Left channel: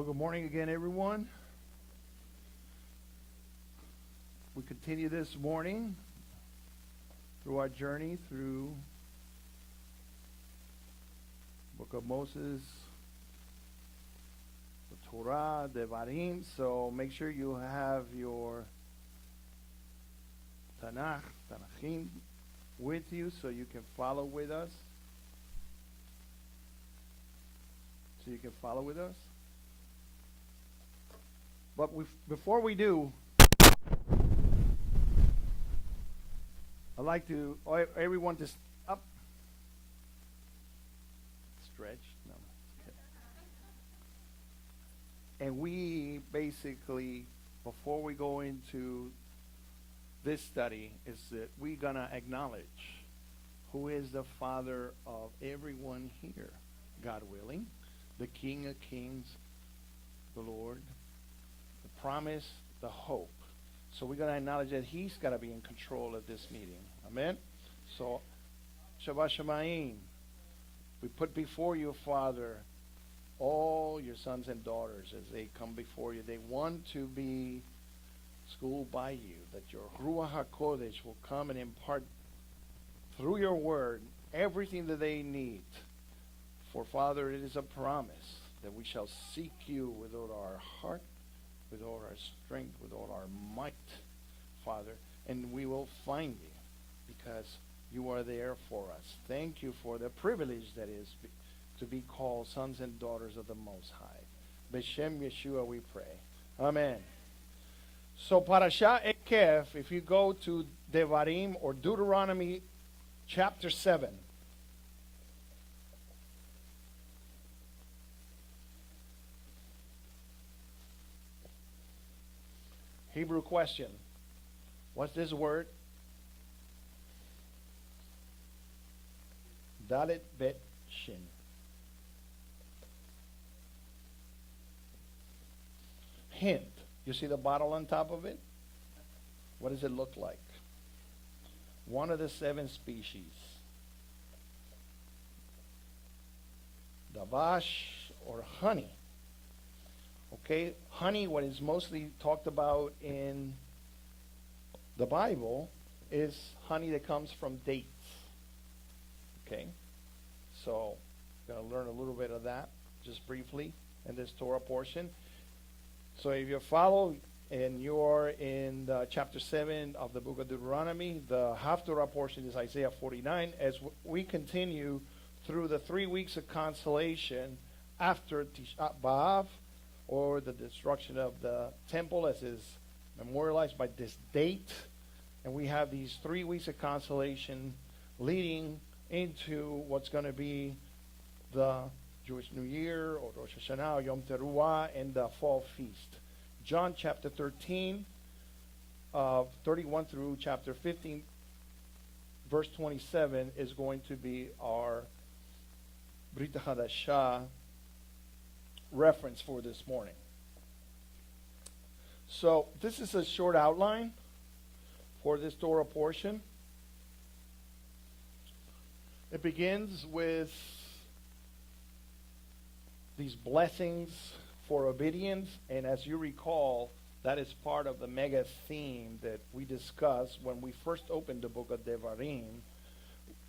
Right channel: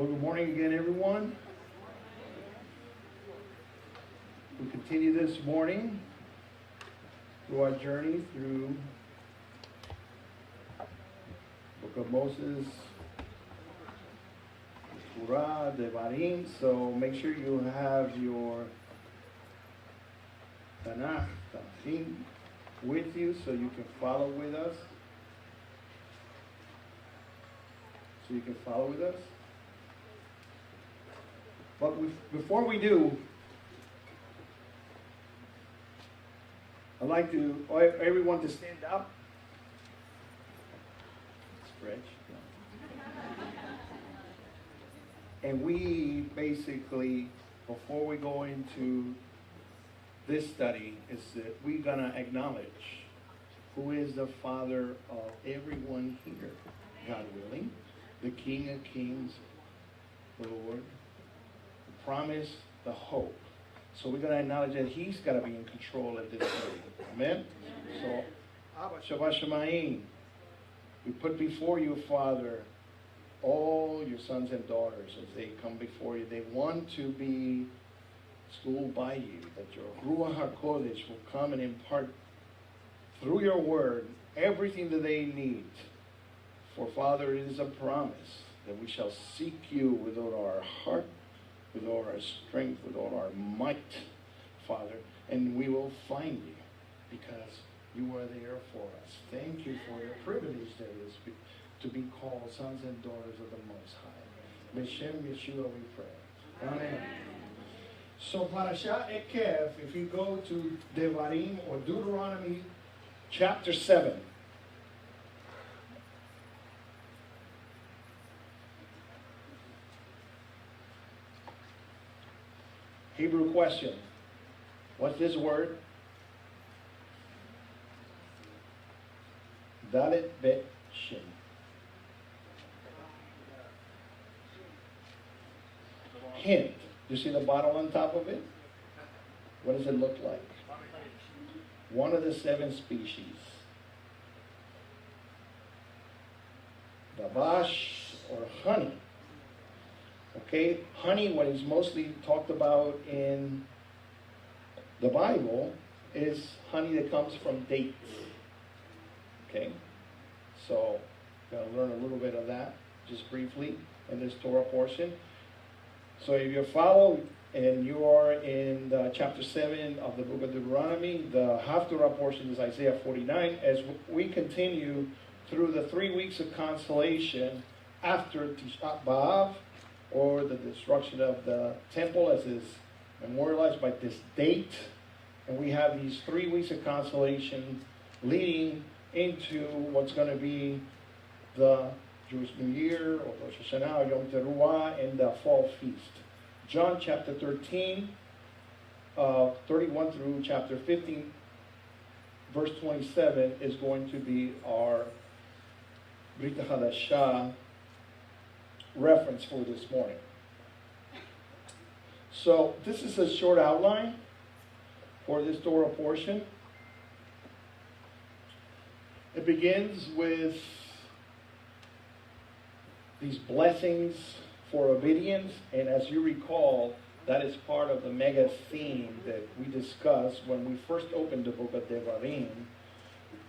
Well, good morning again, everyone. We continue this morning through our journey through Book of Moses, Torah, Devarim. So make sure you have your Tanakh with you so you can follow with us. But before we do, I'd like everyone to stand up. Stretch. And we basically, before we go into this study, is that we're going to acknowledge who is the Father of everyone here, God willing, the King of Kings, the Lord, the promise, the hope. So we're going to acknowledge that He's got to be in control of this study. Amen? So, Shabbat Shemayim, we put before you, Father, all your sons and daughters as they come before you. They want to be schooled by you, that your Ruach HaKodesh will come and impart through your word everything that they need. For, Father, it is a promise that we shall seek you with all our heart, with all our strength, with all our might, Father, and we will find you because you are there for us. Thank you for the privilege that is to be called sons and daughters of the Most High. B'Shem Yeshua we pray. Amen. So Parashat Eikev, if you go to Devarim or Deuteronomy chapter 7, Hebrew question. What's this word? Dalet Bet Shin. Hint. You see the bottle on top of it? What does it look like? One of the 7 species. Davash or honey. Okay, honey, what is mostly talked about in the Bible, is honey that comes from dates. Okay, so we're going to learn a little bit of that just briefly in this Torah portion. So if you follow and you are in chapter 7 of the book of Deuteronomy, the half-Torah portion is Isaiah 49, as we continue through the 3 weeks of consolation after Tisha B'Av, or the destruction of the temple as is memorialized by this date. And we have these 3 weeks of consolation leading into what's going to be the Jewish New Year, or Rosh Hashanah, or Yom Teruah, and the Fall Feast. John chapter 13, 31 through chapter 15, verse 27 is going to be our Brit Hadashah reference for this morning. So this is a short outline for this Torah portion. It begins with these blessings for obedience, and as you recall, that is part of the mega theme that we discussed when we first opened the book of Devarim.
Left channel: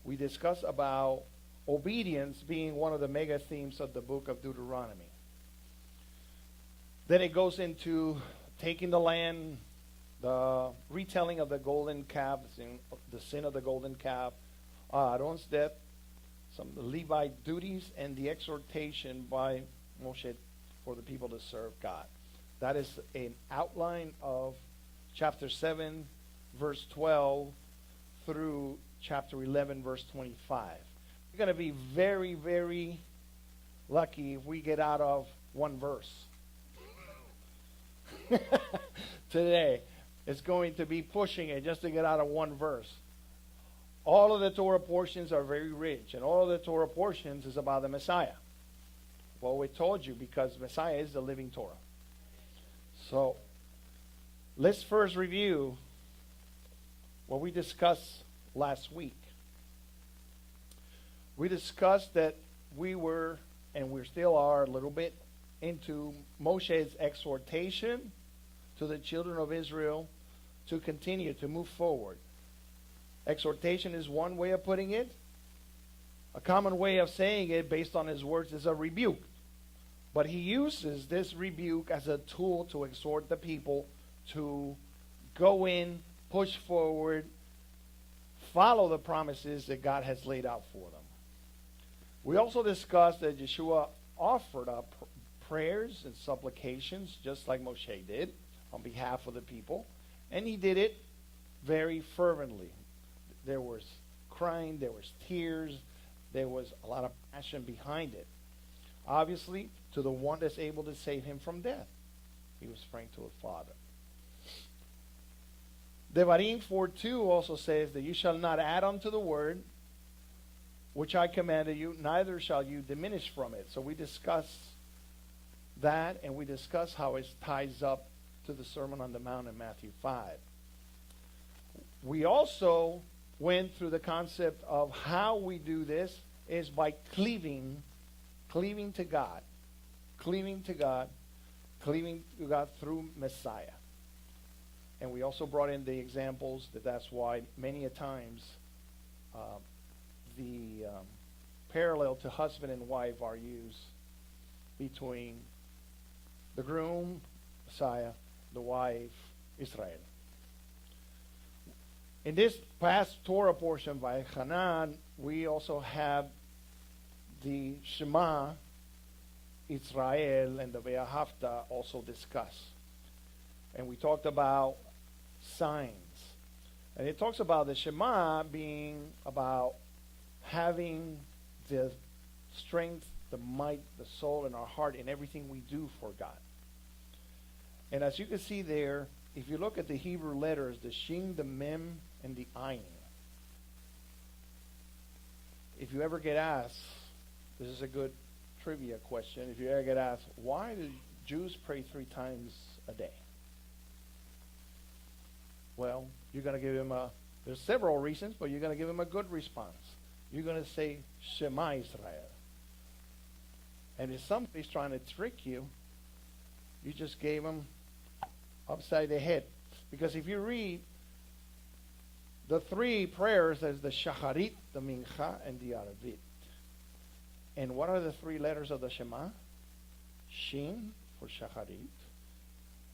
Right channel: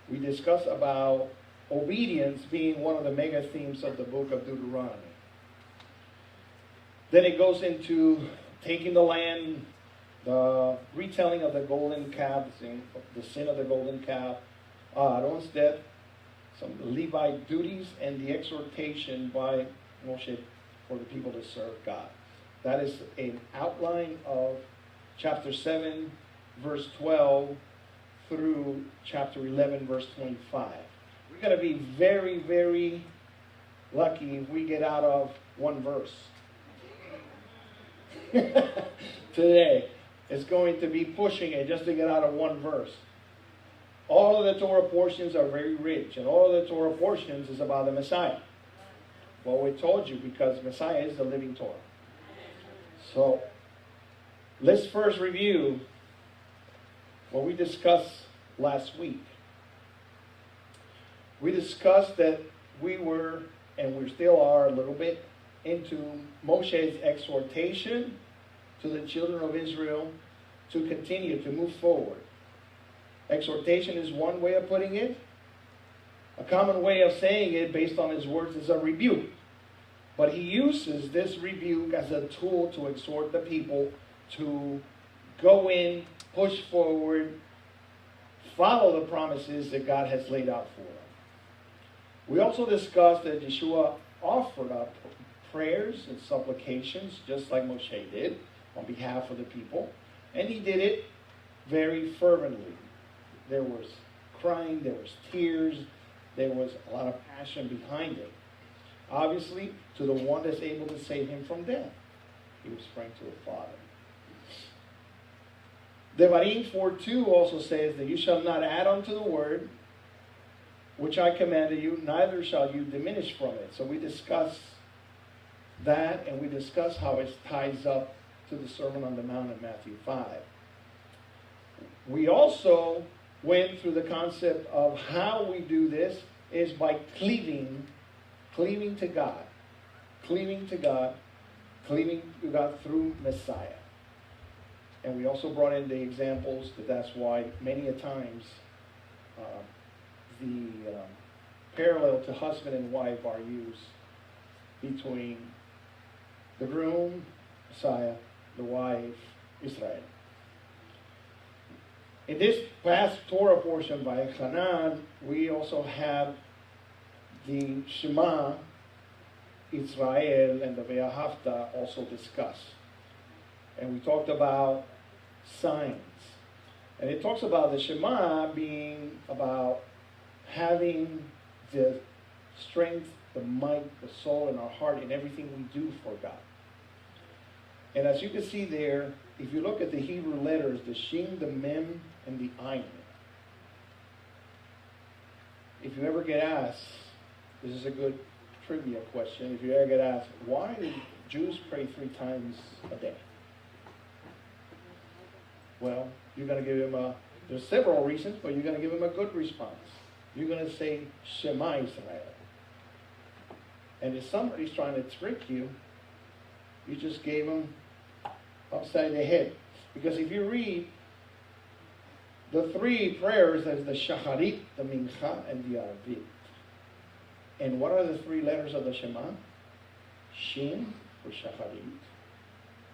We discussed about obedience being one of the mega themes of the book of Deuteronomy. Then it goes into taking the land, the retelling of the golden calf, the sin of the golden calf, Aaron's death, some of the Levite duties, and the exhortation by Moshe for the people to serve God. That is an outline of chapter 7, verse 12, through chapter 11, verse 25. We're going to be very, very lucky if we get out of one verse. Today, it's going to be pushing it just to get out of one verse. All of the Torah portions are very rich, and all of the Torah portions is about the Messiah. Well, we told you because Messiah is the living Torah. So, let's first review what we discussed last week. We discussed that we were, and we still are a little bit, into Moshe's exhortation to the children of Israel to continue, to move forward. Exhortation is one way of putting it. A common way of saying it based on his words is a rebuke. But he uses this rebuke as a tool to exhort the people to go in, push forward, follow the promises that God has laid out for them. We also discussed that Yeshua offered up prayers and supplications, just like Moshe did, on behalf of the people. And he did it very fervently. There was crying, there was tears, there was a lot of passion behind it. Obviously, to the one that's able to save him from death. He was praying to the Father. Devarim 4:2 also says that you shall not add unto the word which I commanded you, neither shall you diminish from it. So we discussed that, and we discussed how it ties up to the Sermon on the Mount in Matthew 5. We also went through the concept of how we do this is by cleaving to God. Cleaving to God through Messiah. And we also brought in the examples that's why many a times the parallel to husband and wife are used between the groom, Messiah, the wife, Israel. In this past Torah portion by Hanan, we also have the Shema, Israel, and the Ve'ahavta also discussed. And we talked about signs. And it talks about the Shema being about having the strength, the might, the soul, and our heart in everything we do for God. And as you can see there, if you look at the Hebrew letters, the Shin, the Mem, and the Ayin. If you ever get asked, this is a good trivia question, if you ever get asked, why do Jews pray 3 times a day? Well, you're going to give him there's several reasons, but you're going to give him a good response. You're going to say, Shema Israel. And if somebody's trying to trick you, you just gave them upside the head. Because if you read the 3 prayers, there's the Shacharit, the Mincha, and the Arvit. And what are the 3 letters of the Shema? Shin for Shacharit,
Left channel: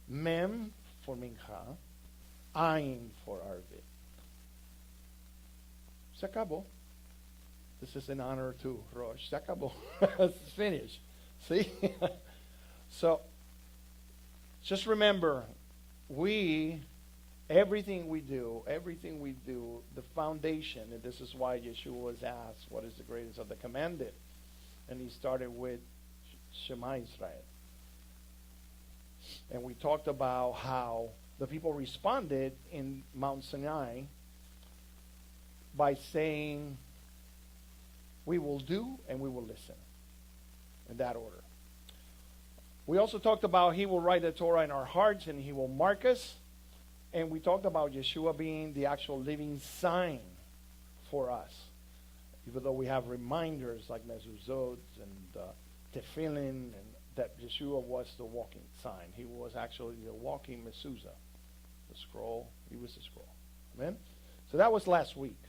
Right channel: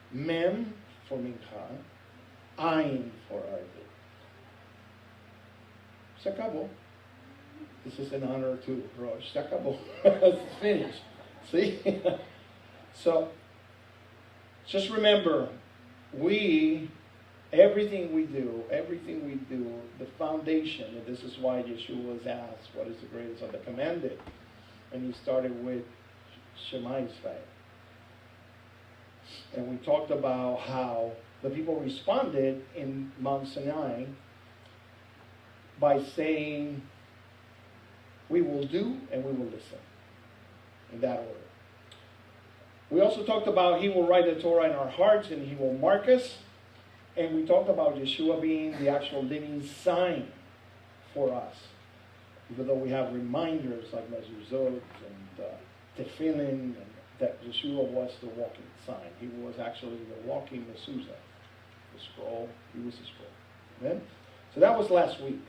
Mem for Mincha, Ayin for Arvit. S'akabo. This is in honor to Rosh. S'akabo. It's finished. See? So, just remember, everything we do, the foundation, and this is why Yeshua was asked, what is the greatest of the commanded? And he started with Shema Israel. And we talked about how the people responded in Mount Sinai by saying, we will do and we will listen. In that order. We also talked about he will write the Torah in our hearts and he will mark us. And we talked about Yeshua being the actual living sign for us. Even though we have reminders like mezuzot and tefillin, and that Yeshua was the walking sign. He was actually the walking mezuzah. The scroll, he was the scroll. Amen? So that was last week.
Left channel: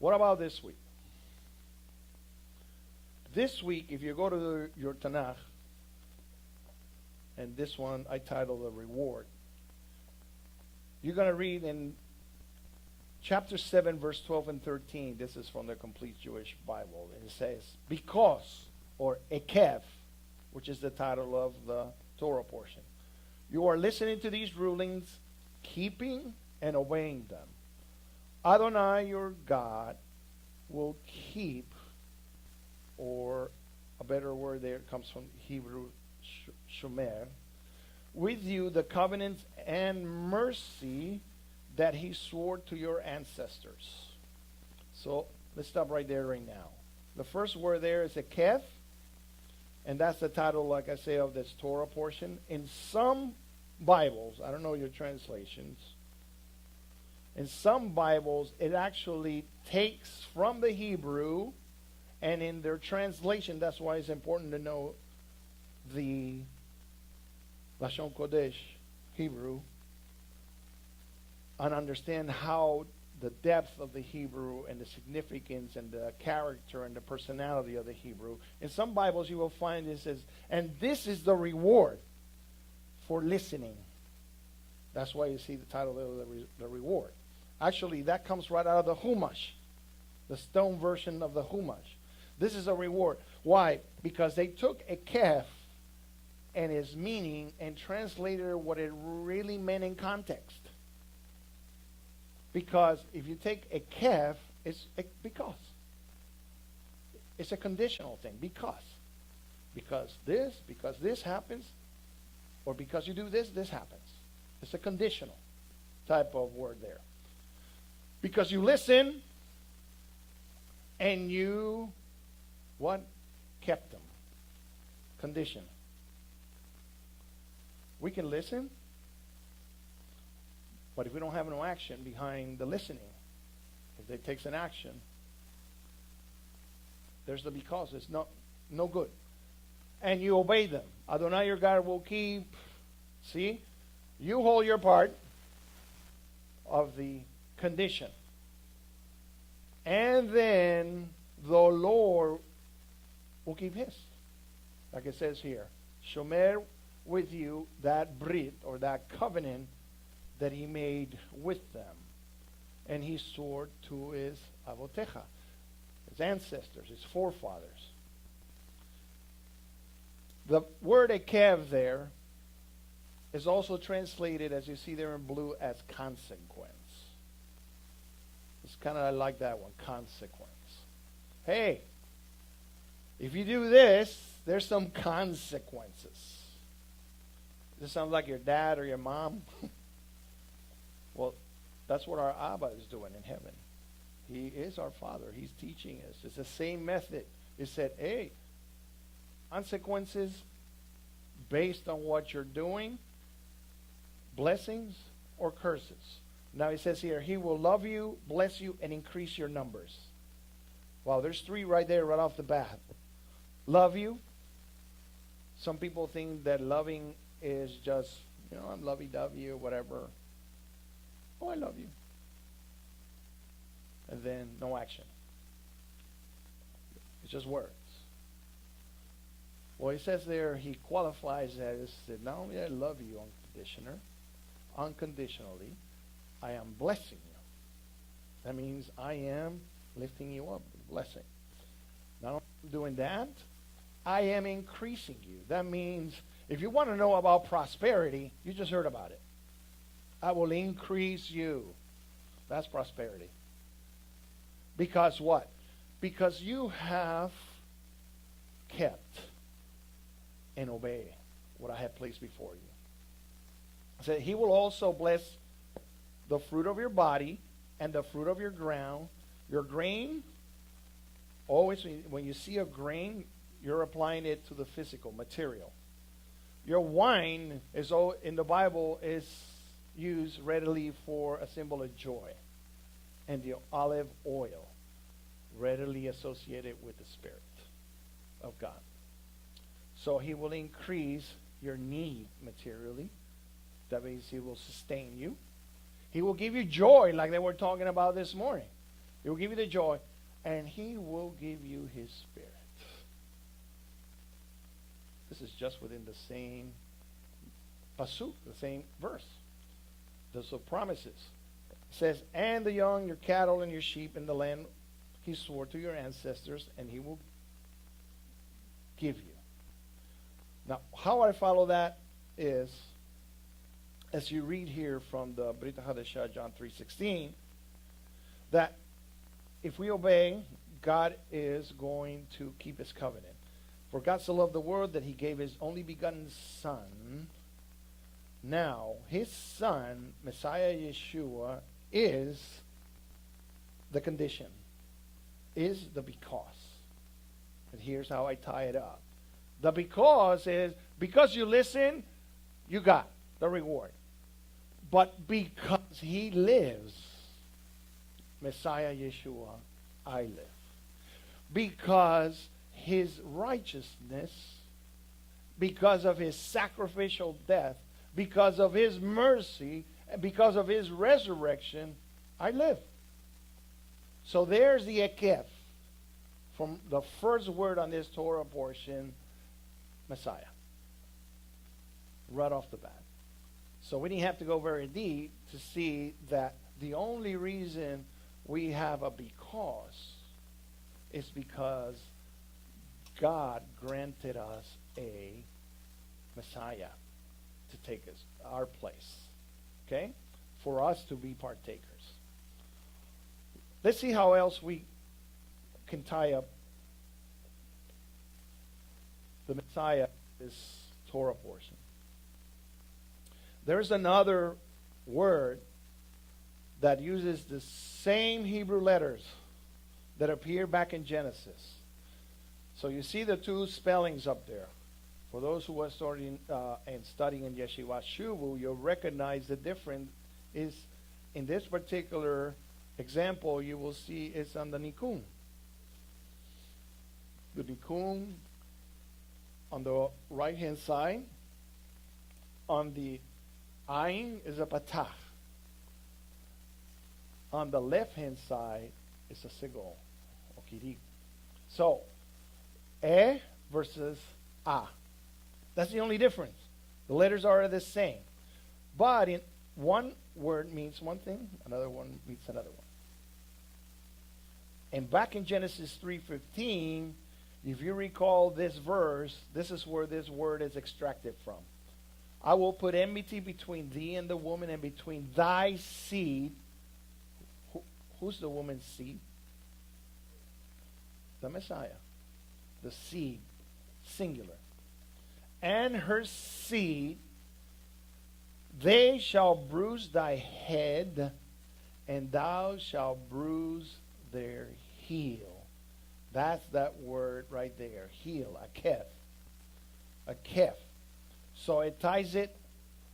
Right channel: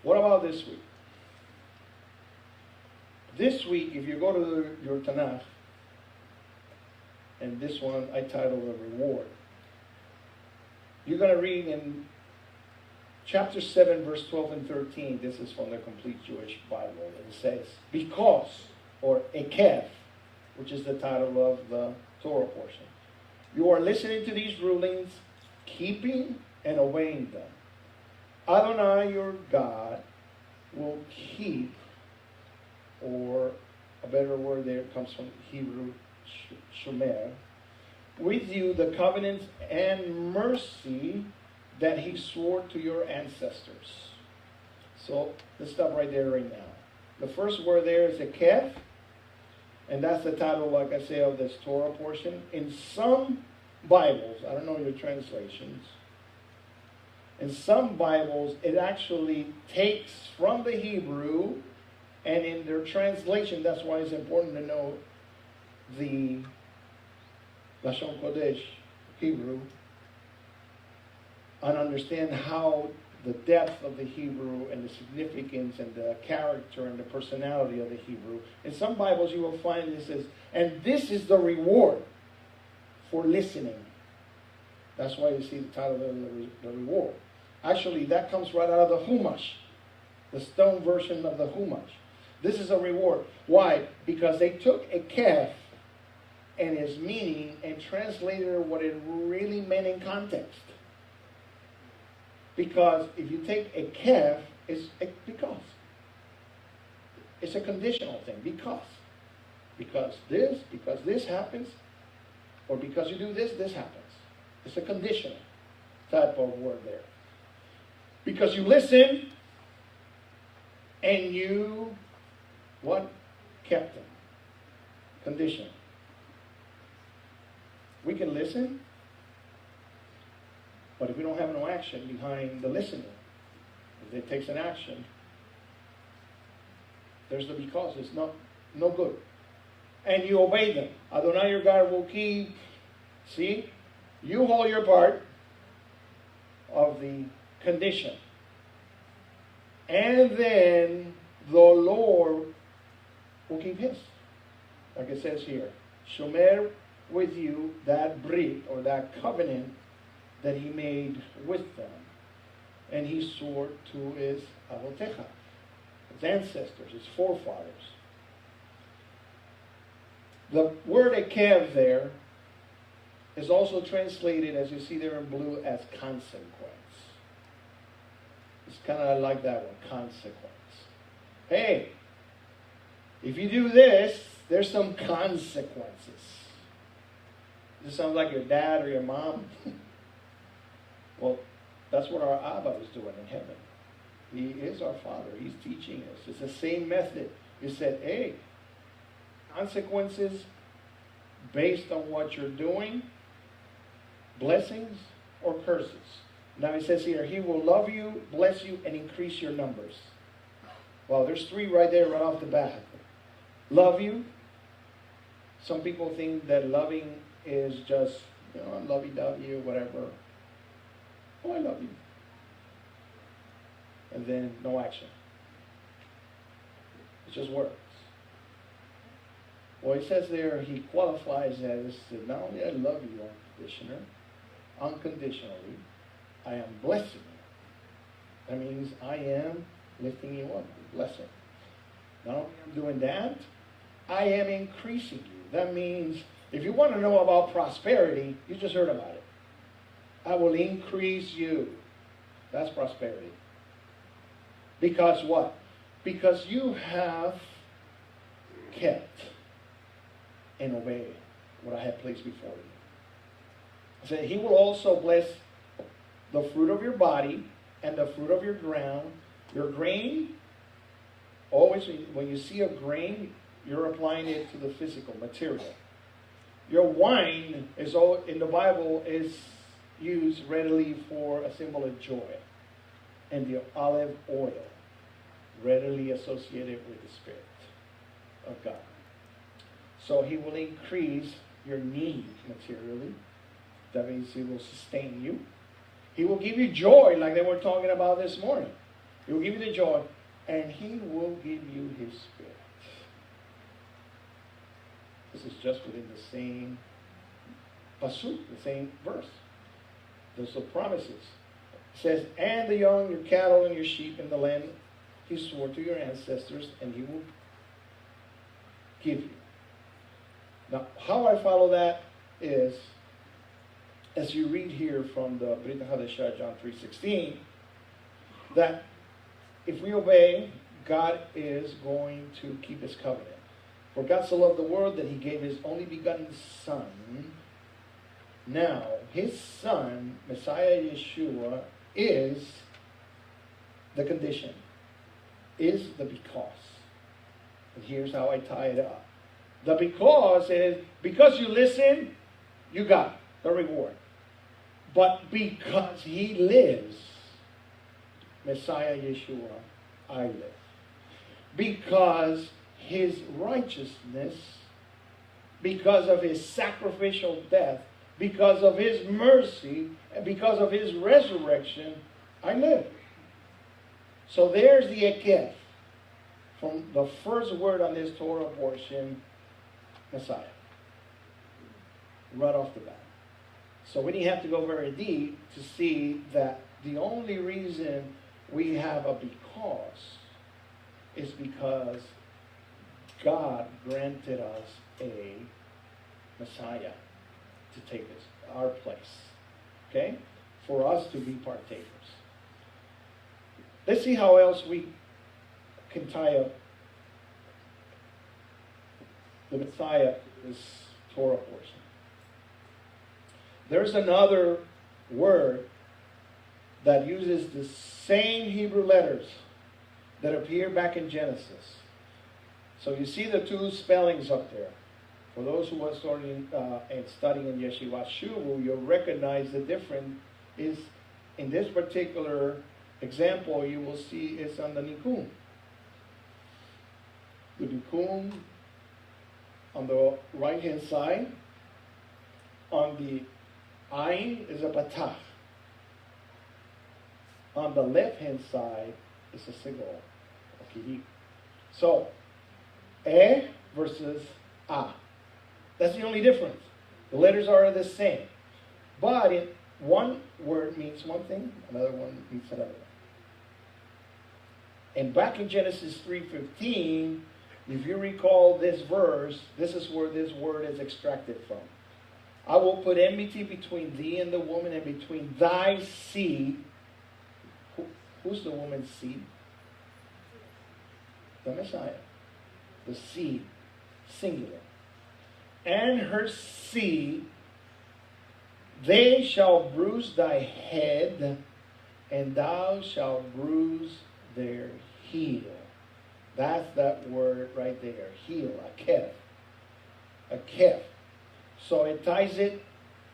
What about this week? This week, if you go to your Tanakh, and this one I titled The Reward, you're going to read in chapter 7, verse 12 and 13. This is from the Complete Jewish Bible. It says, because, or Eikev, which is the title of the Torah portion, you are listening to these rulings, keeping and obeying them. Adonai, your God, will keep, or a better word there comes from Hebrew, shomer, with you the covenant and mercy that he swore to your ancestors. So let's stop right there right now. The first word there is Eikev, and that's the title, like I say, of this Torah portion. In some Bibles, I don't know your translations, in some Bibles, it actually takes from the Hebrew And in their translation, that's why it's important to know the Lashon Kodesh, Hebrew, and understand how the depth of the Hebrew and the significance and the character and the personality of the Hebrew. In some Bibles you will find it says, and this is the reward for listening. That's why you see the title of the reward. Actually, that comes right out of the Chumash, the stone version of the Chumash. This is a reward. Why? Because they took a calf and its meaning and translated it what it really meant in context. Because if you take a calf, it's because. It's a conditional thing. Because this happens, or because you do this, this happens. It's a conditional type of word there. Because you listen, and you, what? Kept them. Conditional. We can listen, but if we don't have no action behind the listening, if it takes an action, there's the because. It's no good. And you obey them. Adonai your God will keep. See? You hold your part of the condition. And then the Lord will keep his. Like it says here. Shomer with you that brit, or that covenant that he made with them. And he swore to his avotecha, his ancestors, his forefathers. The word Eikev there is also translated, as you see there in blue, as consequence. It's kind of like that one, consequence. Hey, if you do this, there's some consequences. This sounds like your dad or your mom. Well, that's what our Abba is doing in heaven. He is our Father. He's teaching us. It's the same method. He said, hey, consequences based on what you're doing, blessings or curses. Now he says here, he will love you, bless you, and increase your numbers. Well, there's three right there right off the bat. Love you. Some people think that loving is just, I'm lovey-dovey or whatever. Oh, I love you. And then no action. It's just words. Well, he says there, he qualifies as, not only I love you, unconditionally, I am blessing you. That means I am lifting you up, blessing. Not only am I doing that, I am increasing you. That means, if you want to know about prosperity, you just heard about it. I will increase you. That's prosperity. Because what? Because you have kept and obeyed what I have placed before you. I said, he will also bless the fruit of your body and the fruit of your ground. Your grain, always when you see a grain, you're applying it to the physical material. Your wine is all in the Bible is used readily for a symbol of joy. And the olive oil, readily associated with the Spirit of God. So he will increase your needs materially. That means he will sustain you. He will give you joy, like they were talking about this morning. He will give you the joy, and he will give you his Spirit. This is just within the same pasuk, the same verse. Those are promises. It says, and the young, your cattle, and your sheep in the land he swore to your ancestors, and he will give you. Now, how I follow that is, as you read here from the Brit Hadashah, John 3:16, that if we obey, God is going to keep his covenant. For God so loved the world that he gave his only begotten Son. Now, his Son, Messiah Yeshua, is the condition, is the because. And here's how I tie it up. The because is, because you listen, you got the reward. But because he lives, Messiah Yeshua, I live. because his righteousness, because of his sacrificial death, because of his mercy, and because of his resurrection, I live. So there's the Eikev. From the first word on this Torah portion, Messiah. Right off the bat. So we didn't have to go very deep to see that the only reason we have a because is because God granted us a Messiah to take our place. Okay? For us to be partakers. Let's see how else we can tie up the Messiah to this Torah portion. There's another word that uses the same Hebrew letters that appear back in Genesis. So you see the two spellings up there. For those who are studying in Yeshiva Shuvu, you'll recognize the difference is in this particular example you will see it's on the Nikum. The Nikum on the right hand side, on the Ayin is a Patach. On the left hand side is a Sigol. So, E versus A. That's the only difference. The letters are the same. But one word means one thing, another one means another. And back in Genesis 3:15, if you recall this verse, this is where this word is extracted from. I will put enmity between thee and the woman, and between thy seed. Who's the woman's seed? The Messiah. The seed. Singular. And her seed, they shall bruise thy head, and thou shalt bruise their heel. That's that word right there. Heel. Eikev. Eikev. So it ties it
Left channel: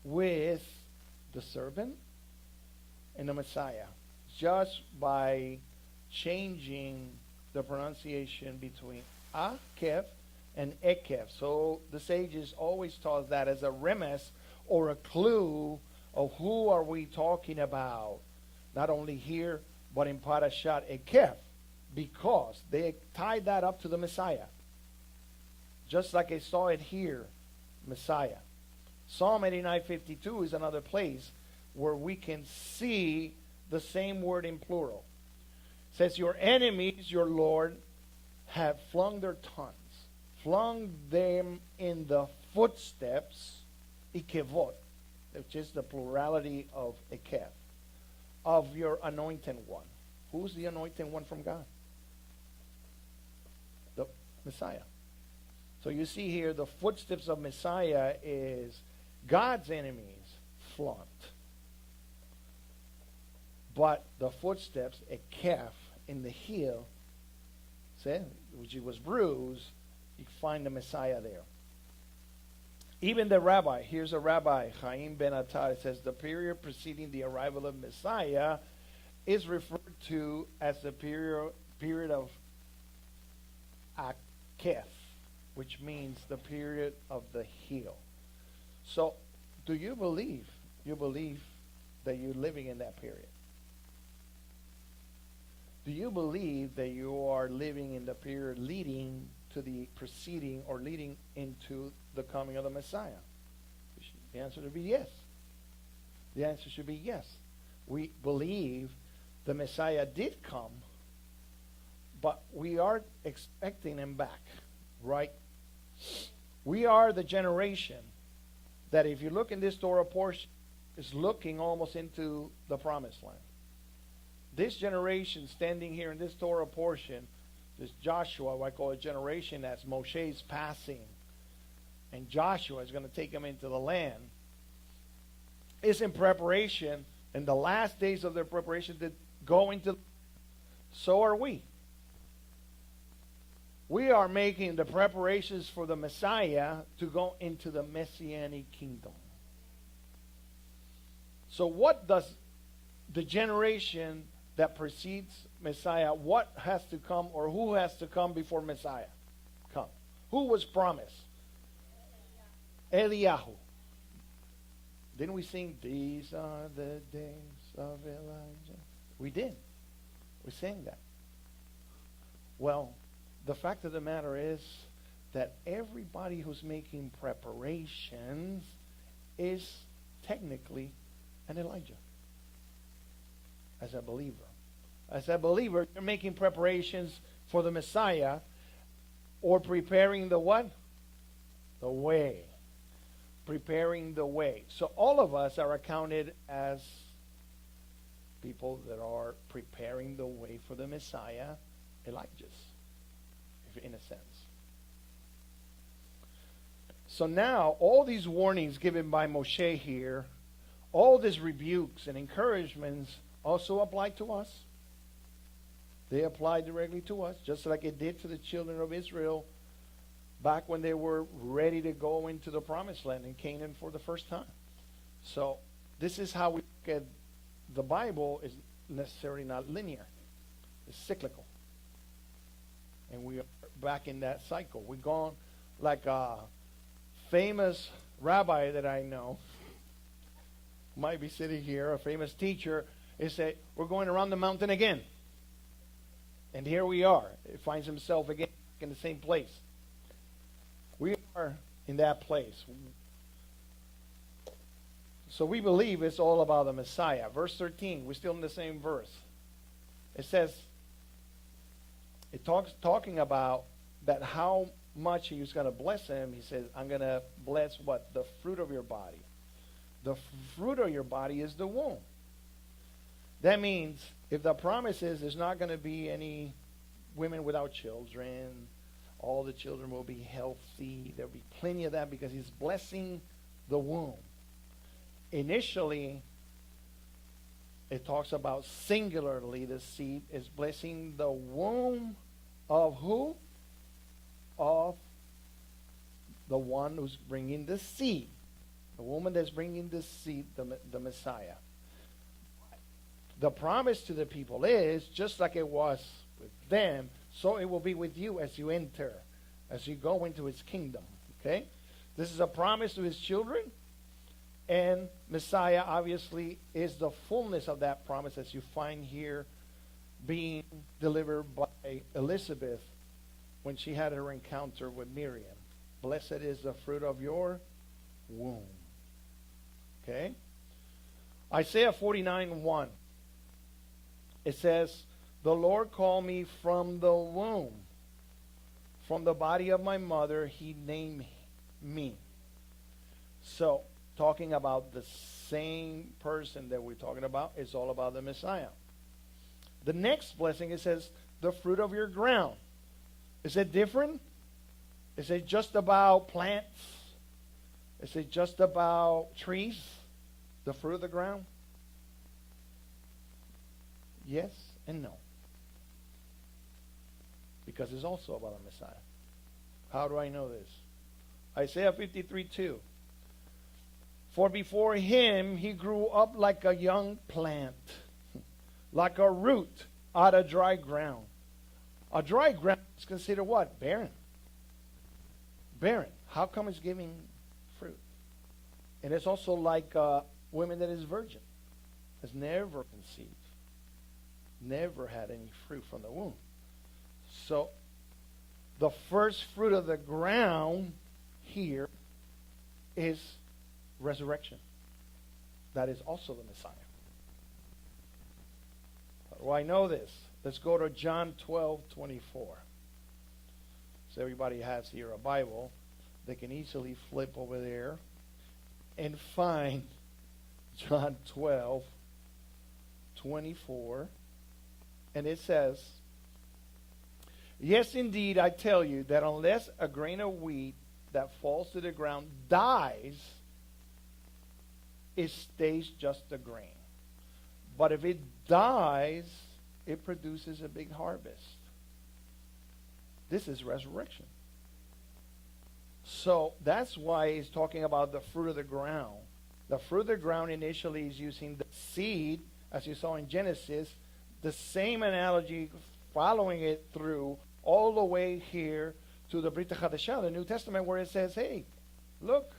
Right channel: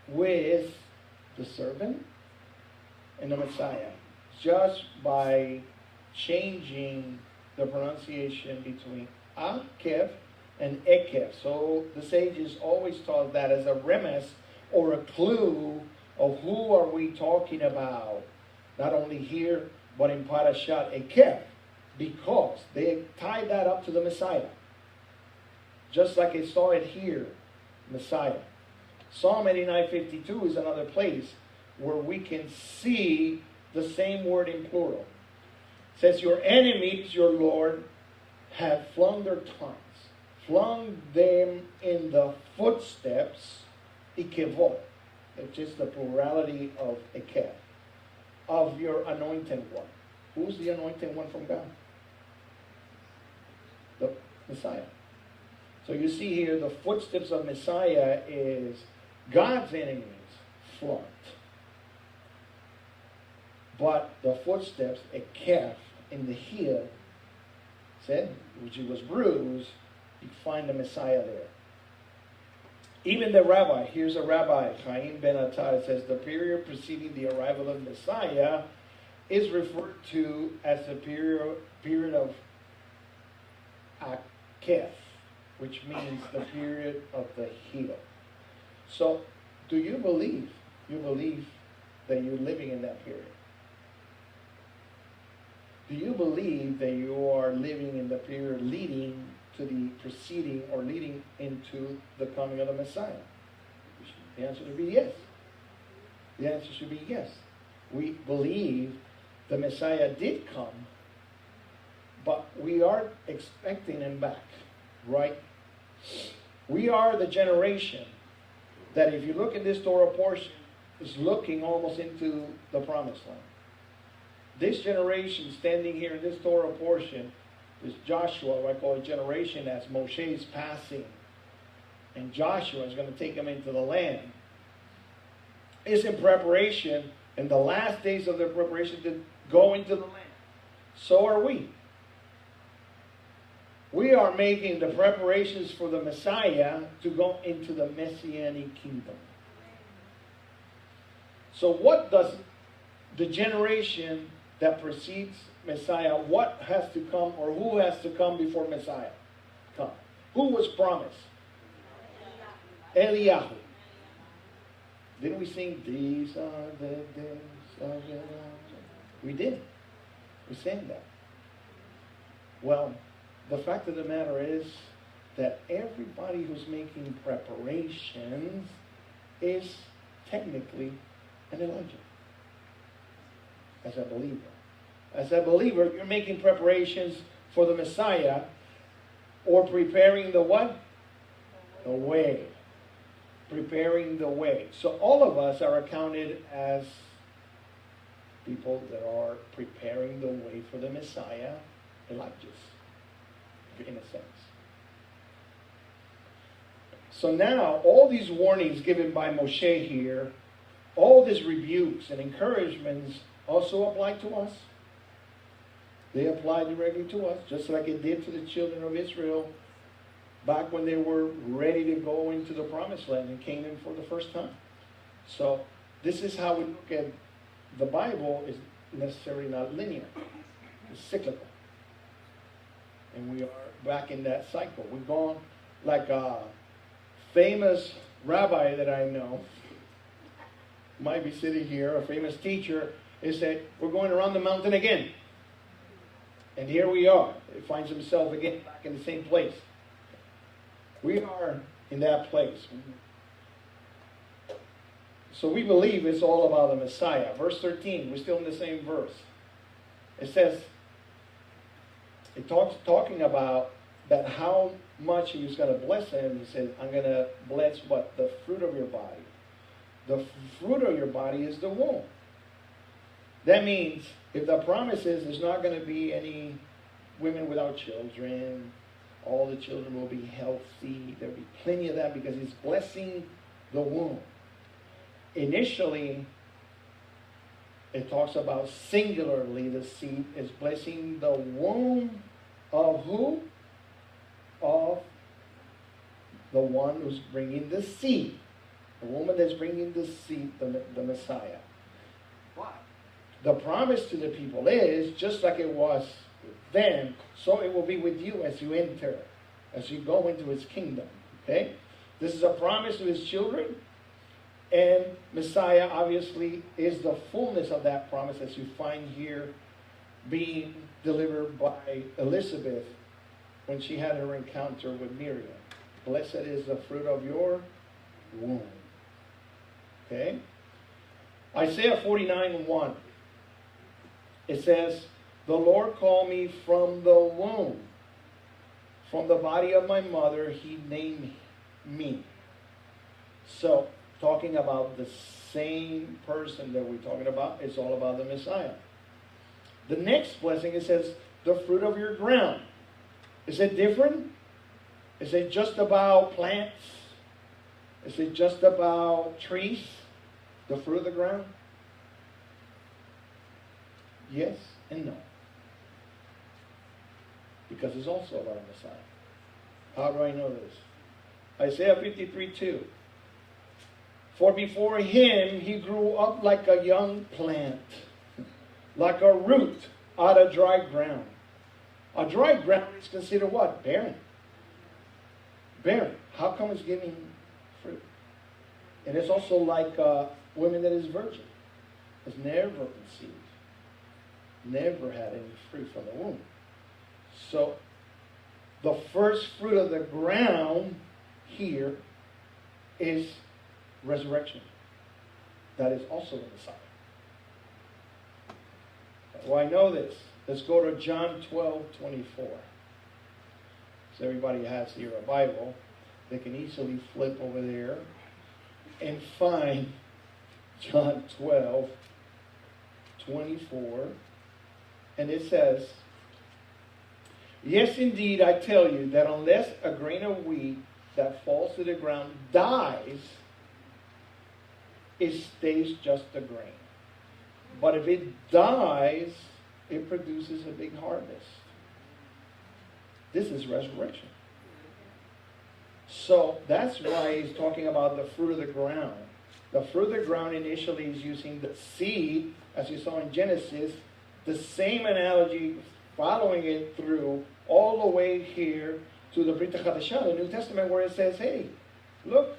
with the servant and the Messiah. Just by changing the pronunciation between Eikev and Eikev. So the sages always taught that as a remiss or a clue of who are we talking about. Not only here, but in Parashat Eikev. Because they tied that up to the Messiah. Just like they saw it here, Messiah. Psalm 89:52 is another place where we can see the same word in plural. It says, your enemies, your Lord, have flung their tongues, flung them in the footsteps, Ikevot, which is the plurality of Eikev, of your anointed one. Who's the anointed one from God? The Messiah. So you see here, the footsteps of Messiah is God's enemies flunked. But the footsteps, Eikev, in the heel, said, which was bruised, you find the Messiah there. Even the rabbi, here's a rabbi, Chaim ben Attar, says the period preceding the arrival of Messiah is referred to as the period of Eikev, which means the period of the heel. So, do you believe that you're living in that period? Do you believe that you are living in the period leading to the preceding or leading into the coming of the Messiah? The answer would be yes. The answer should be yes. We believe the Messiah did come, but we are expecting him back, right? We are the generation that, if you look at this Torah portion, is looking almost into the promised land. This generation standing here in this Torah portion is Joshua, what I call a generation, as Moshe is passing, and Joshua is going to take them into the land. It's in preparation, in the last days of their preparation to go into the land. So are we. We are making the preparations for the Messiah to go into the Messianic kingdom. So what does the generation that precedes Messiah, what has to come or who has to come before Messiah? Come. Who was promised? Eliyahu. Didn't we sing, "These are the days of Elijah"? We did. We sang that. Well, the fact of the matter is that everybody who's making preparations is technically an Elijah. As a believer. As a believer, you're making preparations for the Messiah or preparing the what? The way. Preparing the way. So all of us are accounted as people that are preparing the way for the Messiah, Elijahs, in a sense. So now, all these warnings given by Moshe here, all these rebukes and encouragements also apply to us. They apply directly to us, just like it did for the children of Israel back when they were ready to go into the promised land in Canaan for the first time. So this is how we look at the Bible. Is necessarily not linear. It's cyclical. And we are back in that cycle. We've gone like a famous rabbi that I know, might be sitting here, a famous teacher, is that we're going around the mountain again. And here we are. He finds himself again back in the same place. We are in that place. So we believe it's all about the Messiah. Verse 13, we're still in the same verse. It says, talking about that how much he's going to bless him. He said, I'm going to bless what? The fruit of your body. The fruit of your body is the womb. That means if the promise is there's not going to be any women without children, all the children will be healthy, there'll be plenty of that because he's blessing the womb. Initially, it talks about singularly the seed is blessing the womb of who? Of the one who's bringing the seed. The woman that's bringing the seed, the Messiah. The promise to the people is, just like it was with them, so it will be with you as you enter, as you go into his kingdom. Okay? This is a promise to his children, and Messiah obviously is the fullness of that promise, as you find here being delivered by Elizabeth when she had her encounter with Miriam. Blessed is the fruit of your womb. Okay? Isaiah 49:1. It says, the Lord called me from the womb. From the body of my mother, he named me. So, talking about the same person that we're talking about, it's all about the Messiah. The next blessing, it says, the fruit of your ground. Is it different? Is it just about plants? Is it just about trees? The fruit of the ground? Yes and no. Because it's also about Messiah. How do I know this? Isaiah 53:2. For before him he grew up like a young plant, like a root out of dry ground. A dry ground is considered what? Barren. Barren. How come it's giving fruit? And it's also like a woman that is virgin. Has never conceived. Never had any fruit from the womb. So, the first fruit of the ground here is resurrection. That is also the Messiah. Well, I know this. Let's go to John 12:24. So everybody has here a Bible. They can easily flip over there and find John 12:24. And it says, yes, indeed, I tell you that unless a grain of wheat that falls to the ground dies, it stays just a grain. But if it dies, it produces a big harvest. This is resurrection. So that's why he's talking about the fruit of the ground. The fruit of the ground initially is using the seed, as you saw in Genesis, the same analogy, following it through all the way here to the Brit Hadashah, the New Testament, where it says, hey, look,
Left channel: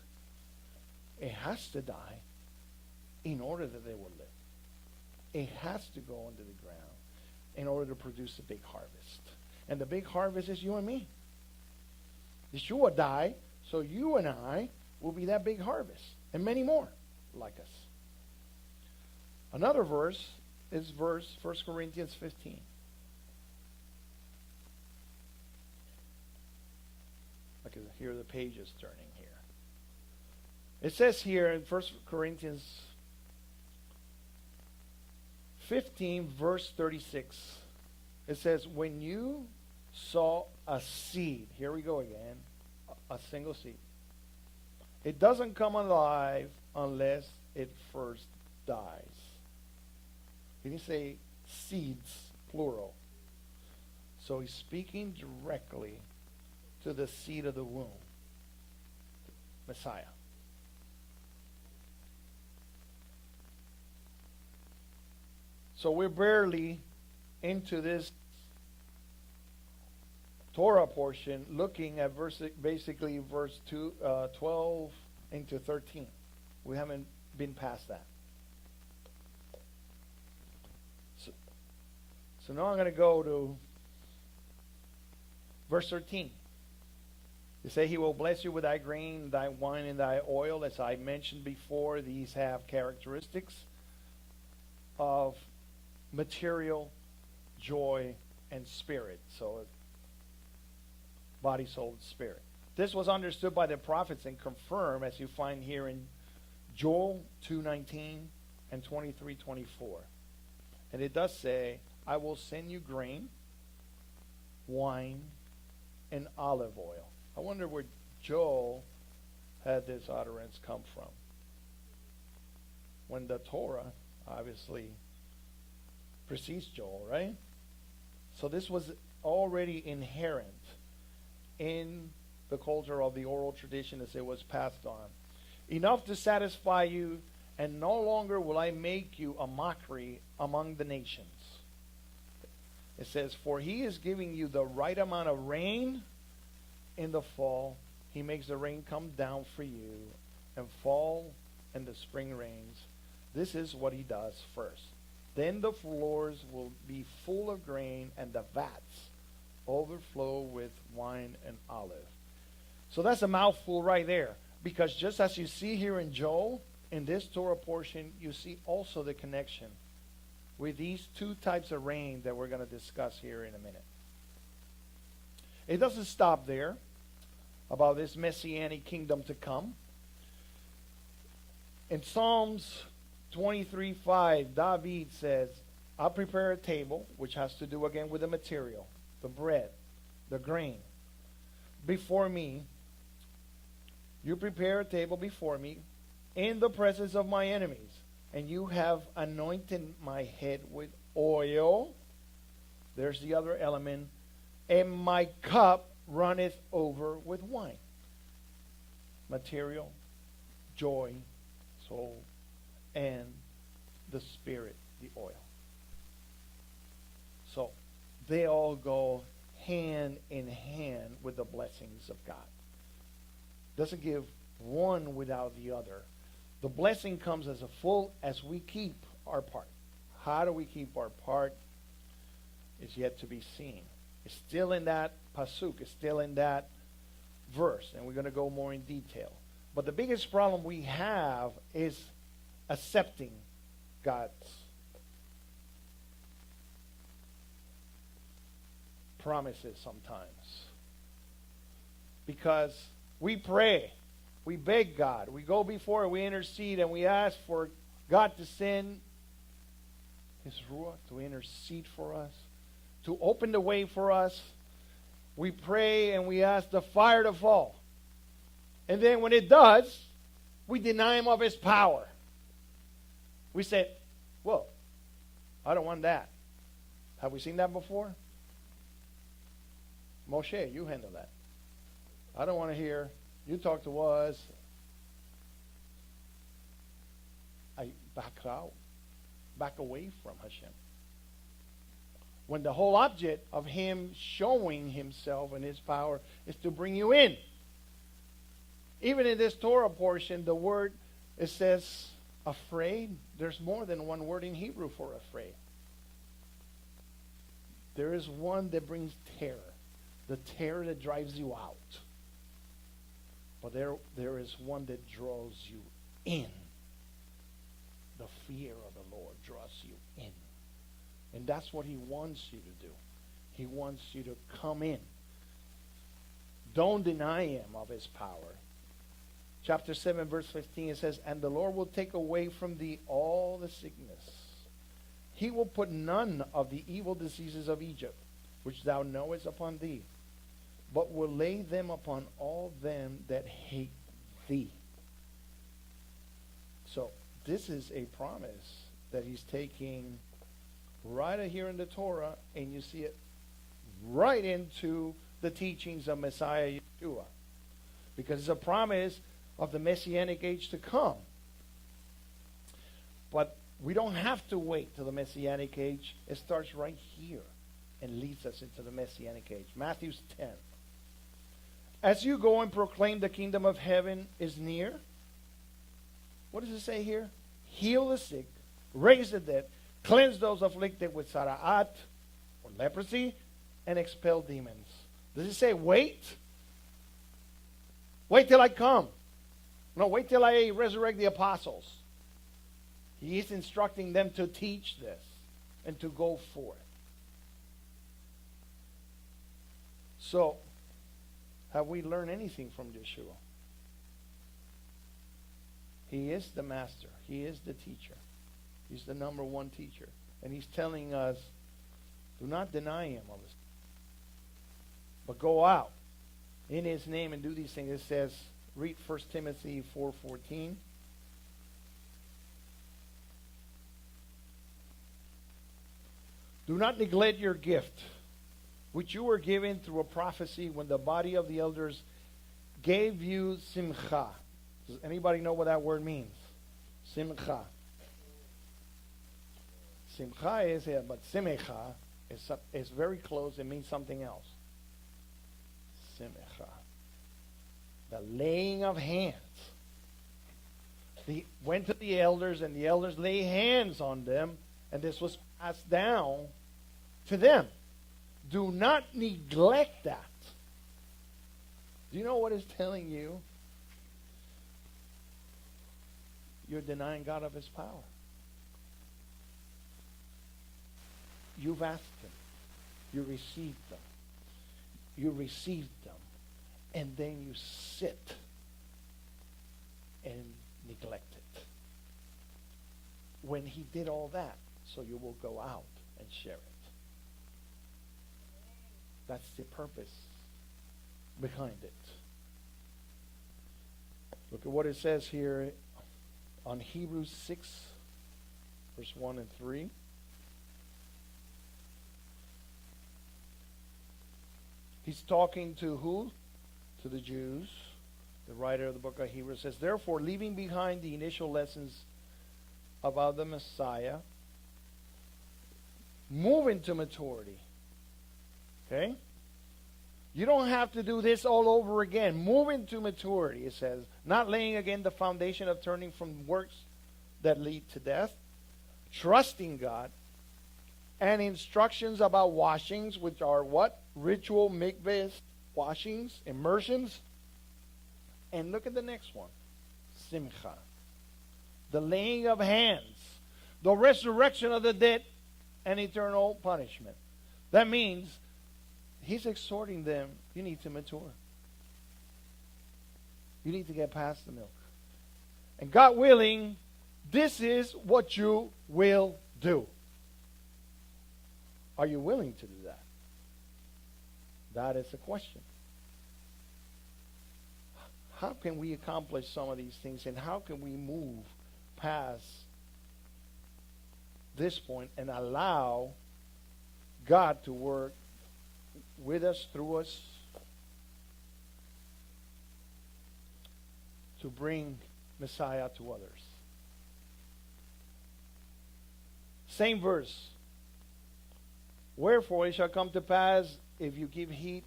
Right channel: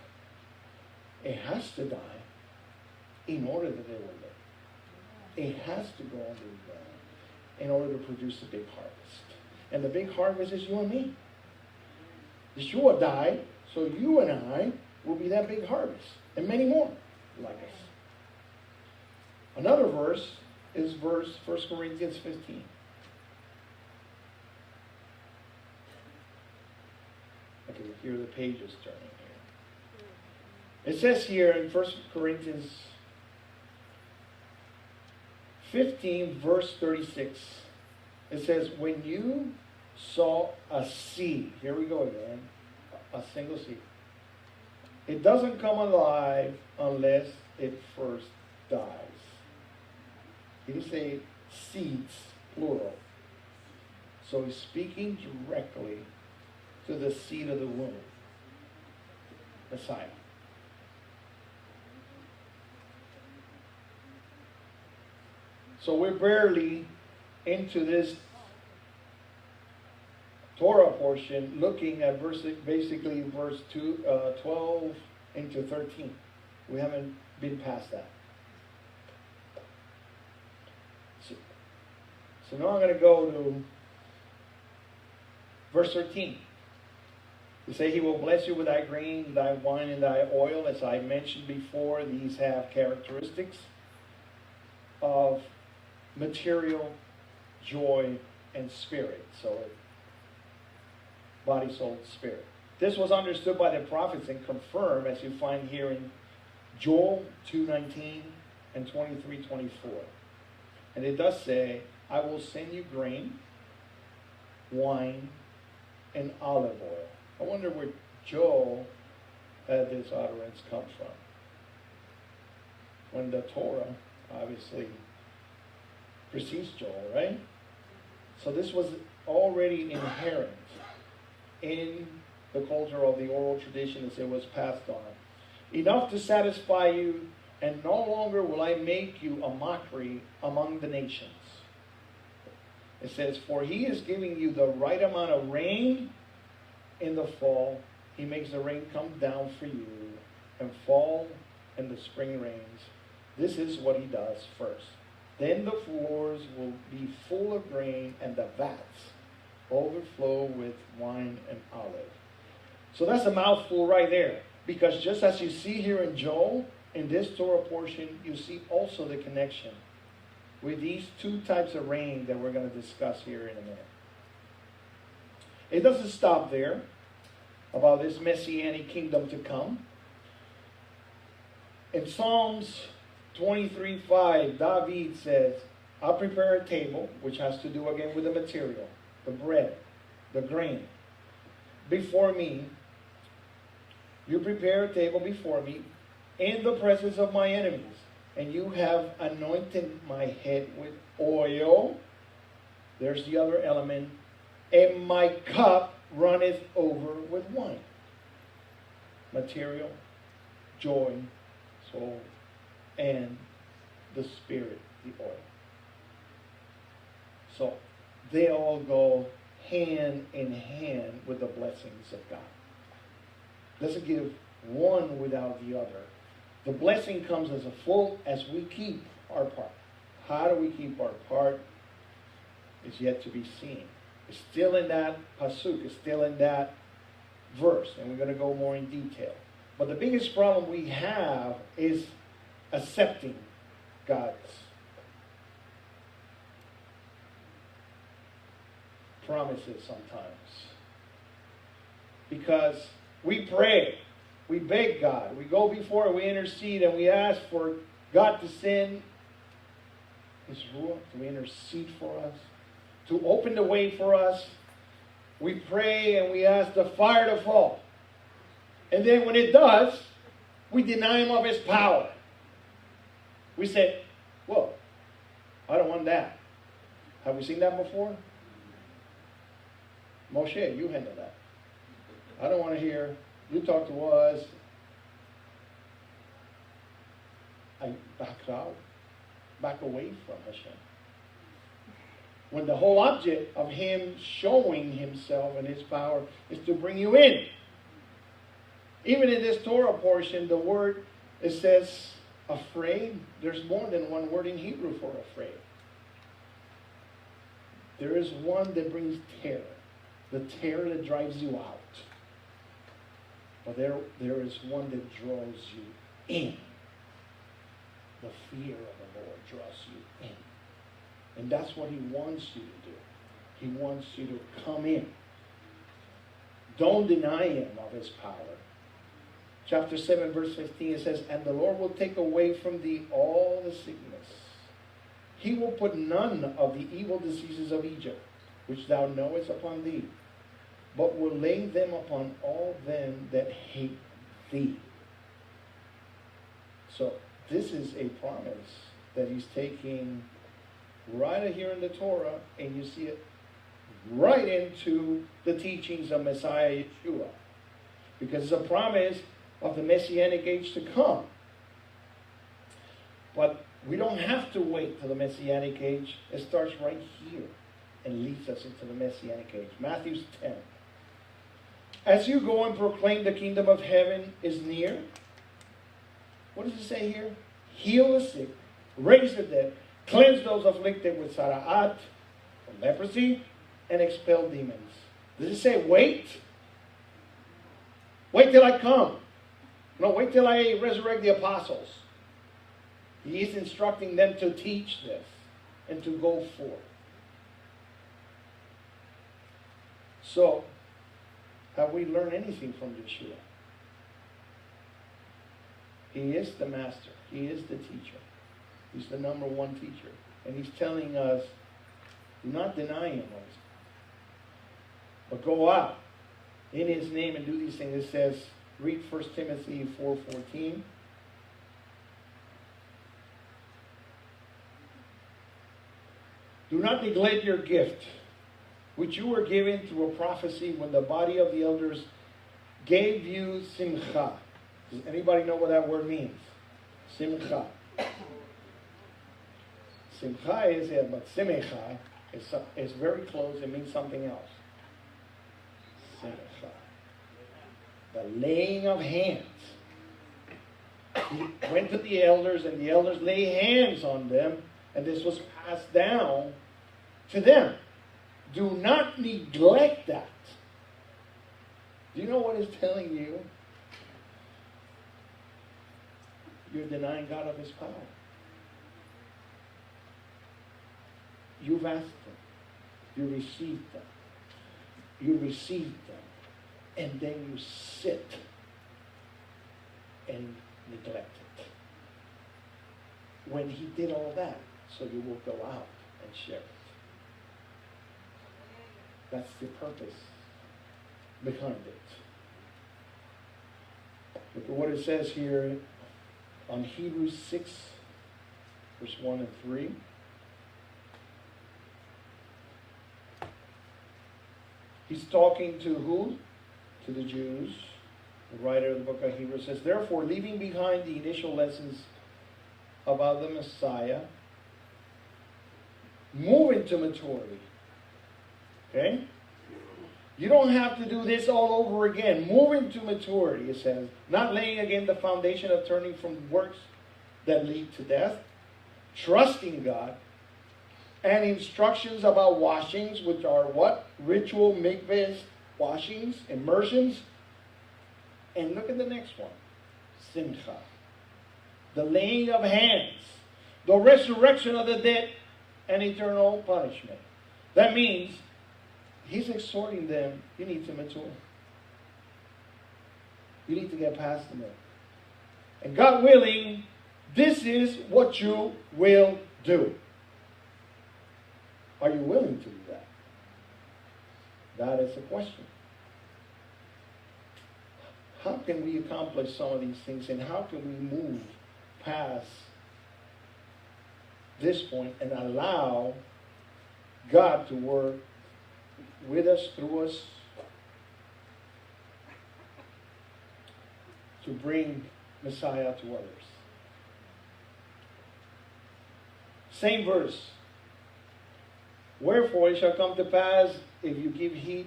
it has to die in order that they will live. It has to go under the ground in order to produce the big harvest. And the big harvest is you and me. Yeshua died, so you and I will be that big harvest. And many more like us. Another verse is 1 Corinthians 15. I can hear the pages turning here. It says here in 1 Corinthians 15, verse 36, it says, when you saw a seed, here we go again, a single seed. It doesn't come alive unless it first dies. He didn't say seeds, plural. So he's speaking directly to the seed of the womb, Messiah. So we're barely into this Torah portion, looking at basically verse 12 into 13. We haven't been past that. So now I'm going to go to verse 13. He say, he will bless you with thy grain, thy wine, and thy oil. As I mentioned before, these have characteristics of material, joy, and spirit. So body, soul, spirit. This was understood by the prophets and confirmed, as you find here in Joel 2:19 and 23:24. And it does say, I will send you grain, wine, and olive oil. I wonder where Joel had this utterance come from. When the Torah obviously precedes Joel, right? So this was already inherent in the culture of the oral tradition as it was passed on. Enough to satisfy you, and no longer will I make you a mockery among the nations. It says, for he is giving you the right amount of rain in the fall. He makes the rain come down for you, and fall and the spring rains. This is what he does first. Then the floors will be full of grain, and the vats overflow with wine and olive. So that's a mouthful right there. Because just as you see here in Joel, in this Torah portion, you see also the connection with these two types of rain that we're going to discuss here in a minute. It doesn't stop there about this messianic kingdom to come. In Psalms 23:5, David says, I'll prepare a table, which has to do again with the material, the bread, the grain, before me. You prepare a table before me in the presence of my enemies, and you have anointed my head with oil. There's the other element. And my cup runneth over with wine. Material, joy, soul, and the spirit, the oil. So they all go hand in hand with the blessings of God. Doesn't give one without the other. The blessing comes as a full as we keep our part. How do we keep our part is yet to be seen. It's still in that pasuk. It's still in that verse, and we're going to go more in detail. But the biggest problem we have is accepting God's promises sometimes. Because we pray, we beg God, we go before, we intercede, and we ask for God to send His ruach, to intercede for us, to open the way for us. We pray and we ask the fire to fall. And then when it does, we deny Him of His power. We say, whoa, I don't want that. Have we seen that before? Moshe, you handle that. I don't want to hear, you talk to us. I back out, back away from Hashem. when the whole object of him showing himself and his power is to bring you in. Even in this Torah portion, the word, it says afraid. There's more than one word in Hebrew for afraid. There is one that brings terror. The terror that drives you out. But there is one that draws you in. The fear of the Lord draws you in. And that's what he wants you to do. He wants you to come in. Don't deny him of his power. Chapter 7, verse 15, it says, and the Lord will take away from thee all the sickness. He will put none of the evil diseases of Egypt, which thou knowest, upon thee, but will lay them upon all them that hate thee. So this is a promise that he's taking right here in the Torah, and you see it right into the teachings of Messiah Yeshua. Because it's a promise of the Messianic age to come. But we don't have to wait till the Messianic age. It starts right here and leads us into the Messianic age. Matthew 10. As you go and proclaim the kingdom of heaven is near. What does it say here? Heal the sick, raise the dead, cleanse those afflicted with sara'at, or leprosy, and expel demons. Does it say wait? Wait till I come. No, wait till I resurrect the apostles. He is instructing them to teach this and to go forth. So, have we learned anything from Yeshua? He is the master. He is the teacher. He's the number one teacher. And he's telling us, do not deny him, but go out in his name and do these things. It says, read 1 Timothy 4:14. Do not neglect your gift, which you were given through a prophecy when the body of the elders gave you simcha. Does anybody know what that word means? Simcha. Simcha is it, but simecha is very close. It means something else. Simcha. The laying of hands. He went to the elders, and the elders laid hands on them, and this was passed down to them. Do not neglect that. Do you know what it's telling you? You're denying God of his power. You've asked them. You received them. You received them. And then you sit and neglect it. When he did all that, so you will go out and share it. That's the purpose behind it. Look at what it says here on Hebrews 6, verse 1 and 3. He's talking to who? To the Jews. The writer of the book of Hebrews says, therefore, leaving behind the initial lessons about the Messiah, move into maturity. Okay? You don't have to do this all over again. Move into maturity, it says. Not laying again the foundation of turning from works that lead to death. Trusting God. And instructions about washings, which are what? Ritual mikvahs, washings, immersions. And look at the next one. Simcha. The laying of hands. The resurrection of the dead and eternal punishment. That means he's exhorting them, you need to mature. You need to get past them. And God willing, this is what you will do. Are you willing to do that? That is the question. How can we accomplish some of these things, and how can we move past this point and allow God to work with us, through us, to bring Messiah to others? Same verse. Wherefore it shall come to pass, if you give heed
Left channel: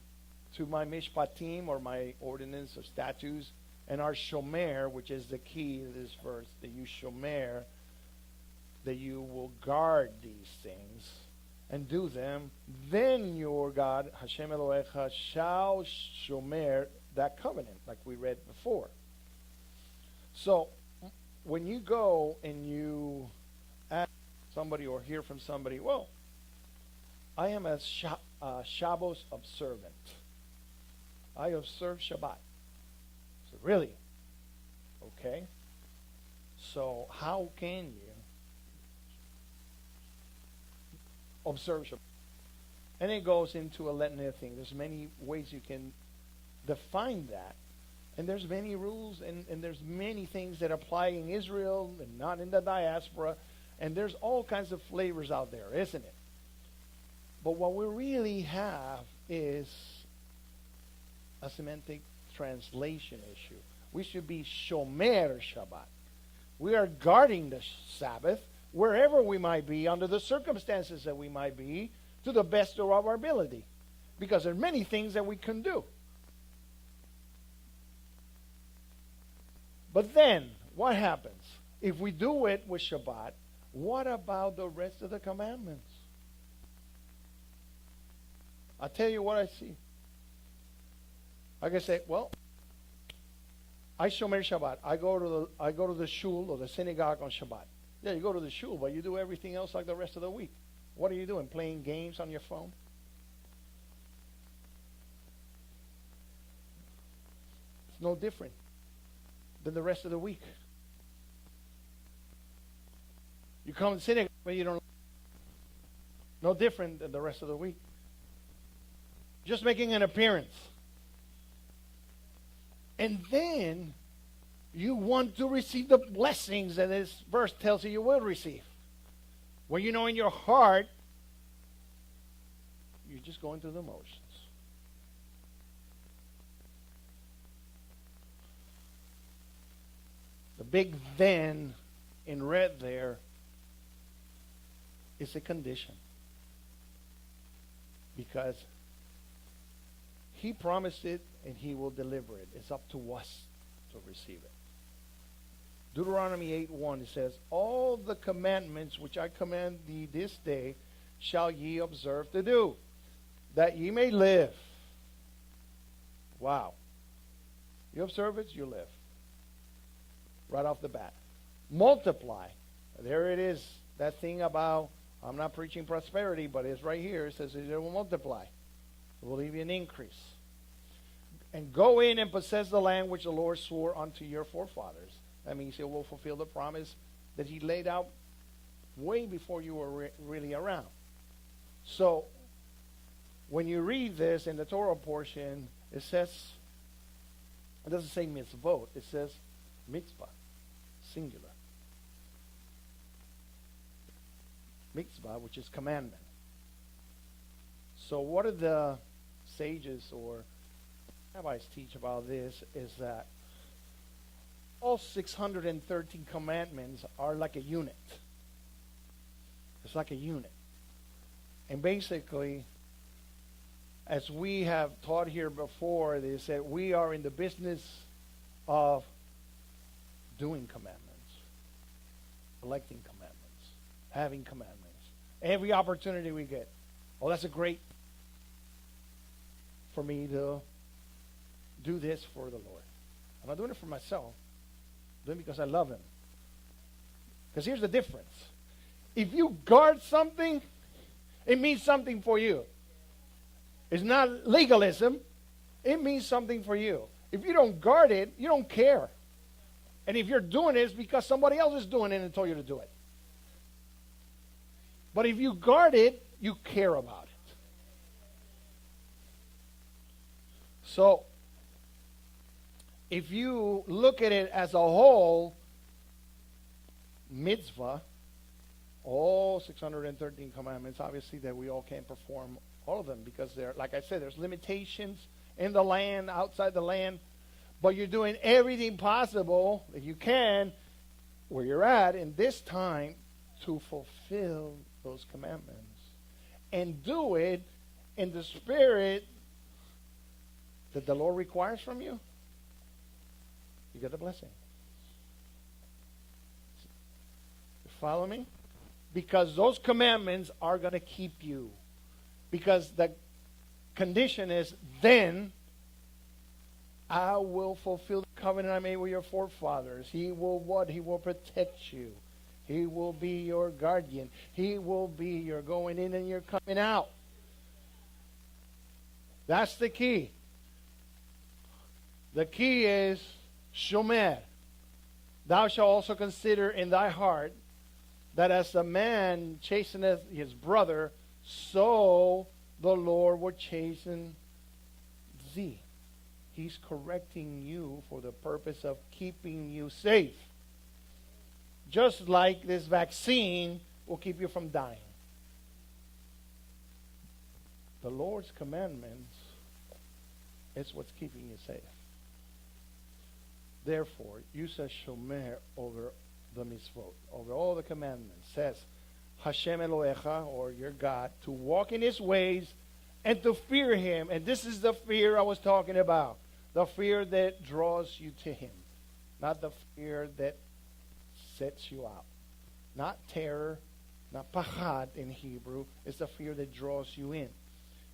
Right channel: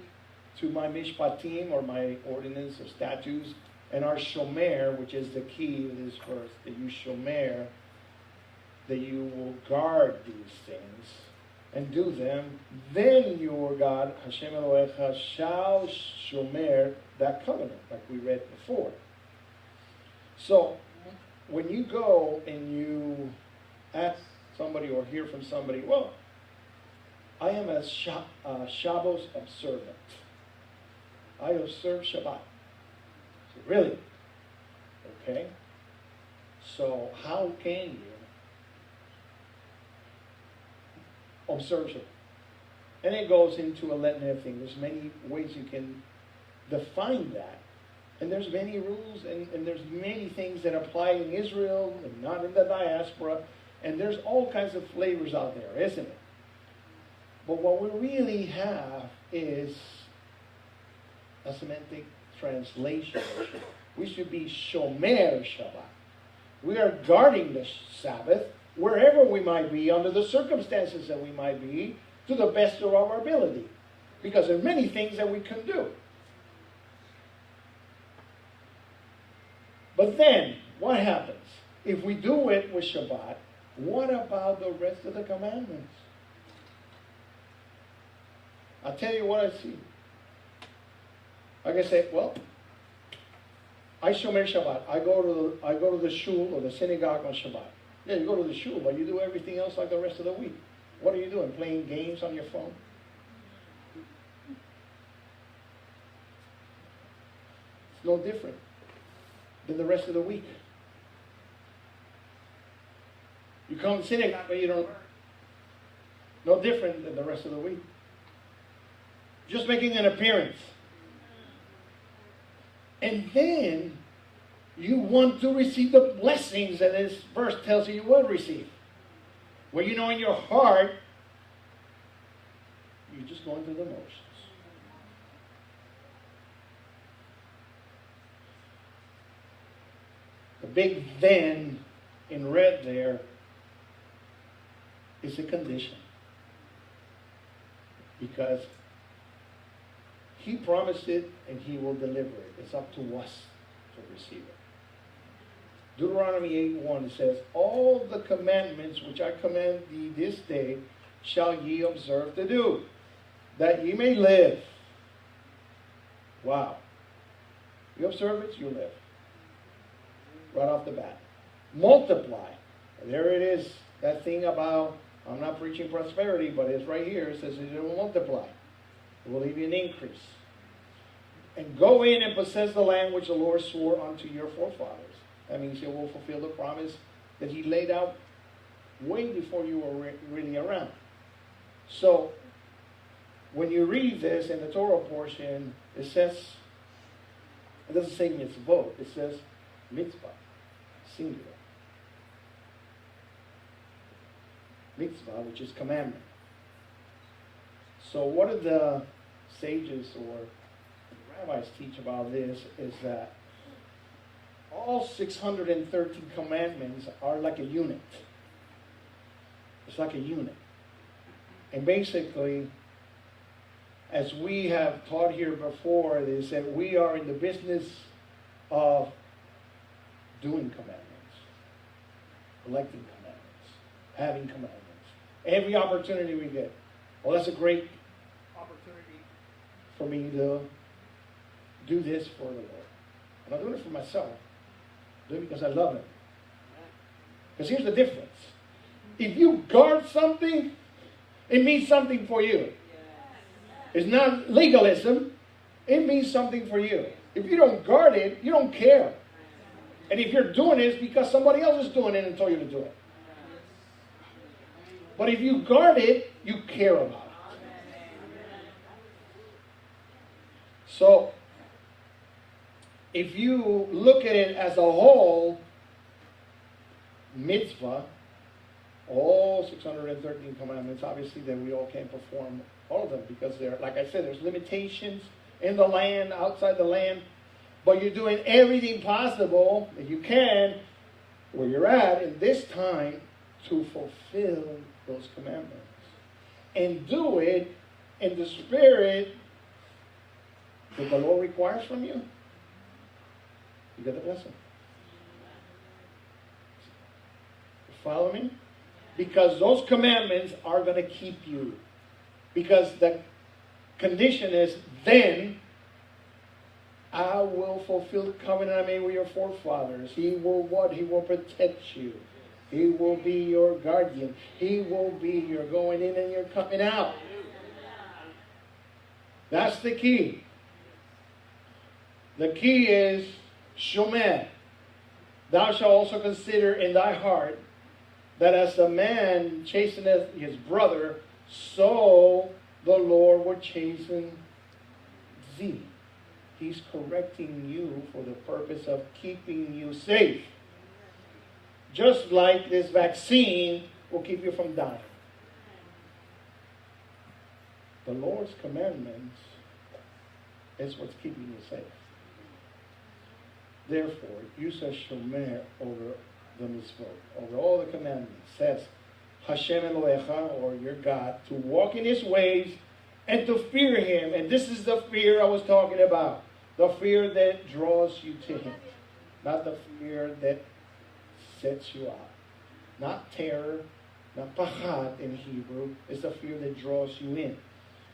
to my mishpatim, or my ordinance or statutes, and our shomer, which is the key to this verse, that you shomer, that you will guard these things and do them, then your God, Hashem Elohecha, shall shomer that covenant, like we read before. So, when you go and you ask somebody or hear from somebody, well, I am a Shabbos observant. I observe Shabbat. So really? Okay. So how can you observe Shabbat? And it goes into a litany of things. There's many ways you can define that. And there's many rules, and there's many things that apply in Israel and not in the diaspora. And there's all kinds of flavors out there, isn't it? But what we really have is a semantic translation. We should be shomer Shabbat. We are guarding the Sabbath wherever we might be, under the circumstances that we might be, to the best of our ability. Because there are many things that we can do. But then, what happens? If we do it with Shabbat, what about the rest of the commandments? I'll tell you what I see. Like I say, well, I shomer Shabbat. I go to the shul or the synagogue on Shabbat. Then you go to the shul, but you do everything else like the rest of the week. What are you doing? Playing games on your phone? It's no different than the rest of the week. You come to synagogue, but you don't. No different than the rest of the week. Just making an appearance. And then you want to receive the blessings that this verse tells you will receive. Where you know in your heart, you're just going through the motions. The big then in red there is a condition. Because He promised it and He will deliver it. It's up to us to receive it. Deuteronomy 8:1 says, all the commandments which I command thee this day shall ye observe to do, that ye may live. Wow. You observe it, you live. Right off the bat. Multiply. There it is. That thing about, I'm not preaching prosperity, but it's right here. It says it will multiply. It will even increase. And go in and possess the land which the Lord swore unto your forefathers. That means you will fulfill the promise that He laid out way before you were really around. So, when you read this in the Torah portion, it says, it doesn't say mitzvot, it says mitzvah, singular. Mitzvah, which is commandment. So what do the sages or rabbis teach about this is that all 613 commandments are like a unit. It's like a unit. And basically, as we have taught here before, is that we are in the business of doing commandments, collecting commandments, having commandments. Every opportunity we get. Well, that's a great opportunity for me to do this for the Lord. I'm not doing it for myself. I'm doing it because I love Him. Because here's the difference. If you guard something, it means something for you. It's not legalism. It means something for you. If you don't guard it, you don't care. And if you're doing it, it's because somebody else is doing it and told you to do it. But if you guard it, you care about it. So, if you look at it as a whole, mitzvah, all 613 commandments, obviously that we all can't perform all of them because there, like I said, there's limitations in the land, outside the land, but you're doing everything possible that you can where you're at in this time to fulfill those commandments. and do it in the spirit that the Lord requires from you, you get a blessing. Follow me? Because those commandments are going to keep you. Because the condition is, then I will fulfill the covenant I made with your forefathers. He will what? He will protect you. He will be your guardian. He will be your going in and your coming out. That's the key. The key is shomer. Thou shalt also consider in thy heart that as a man chasteneth his brother, so the Lord will chasten thee. He's correcting you for the purpose of keeping you safe. Just like this vaccine will keep you from dying. The Lord's commandments is what's keeping you safe. Therefore, you shall shomer over the mitzvot, over all the commandments. It says, Hashem Elohecha, or your God, to walk in His ways and to fear Him. And this is the fear I was talking about. The fear that draws you to Him. Not the fear that sets you out. Not terror, not pachad in Hebrew. It's the fear that draws you in.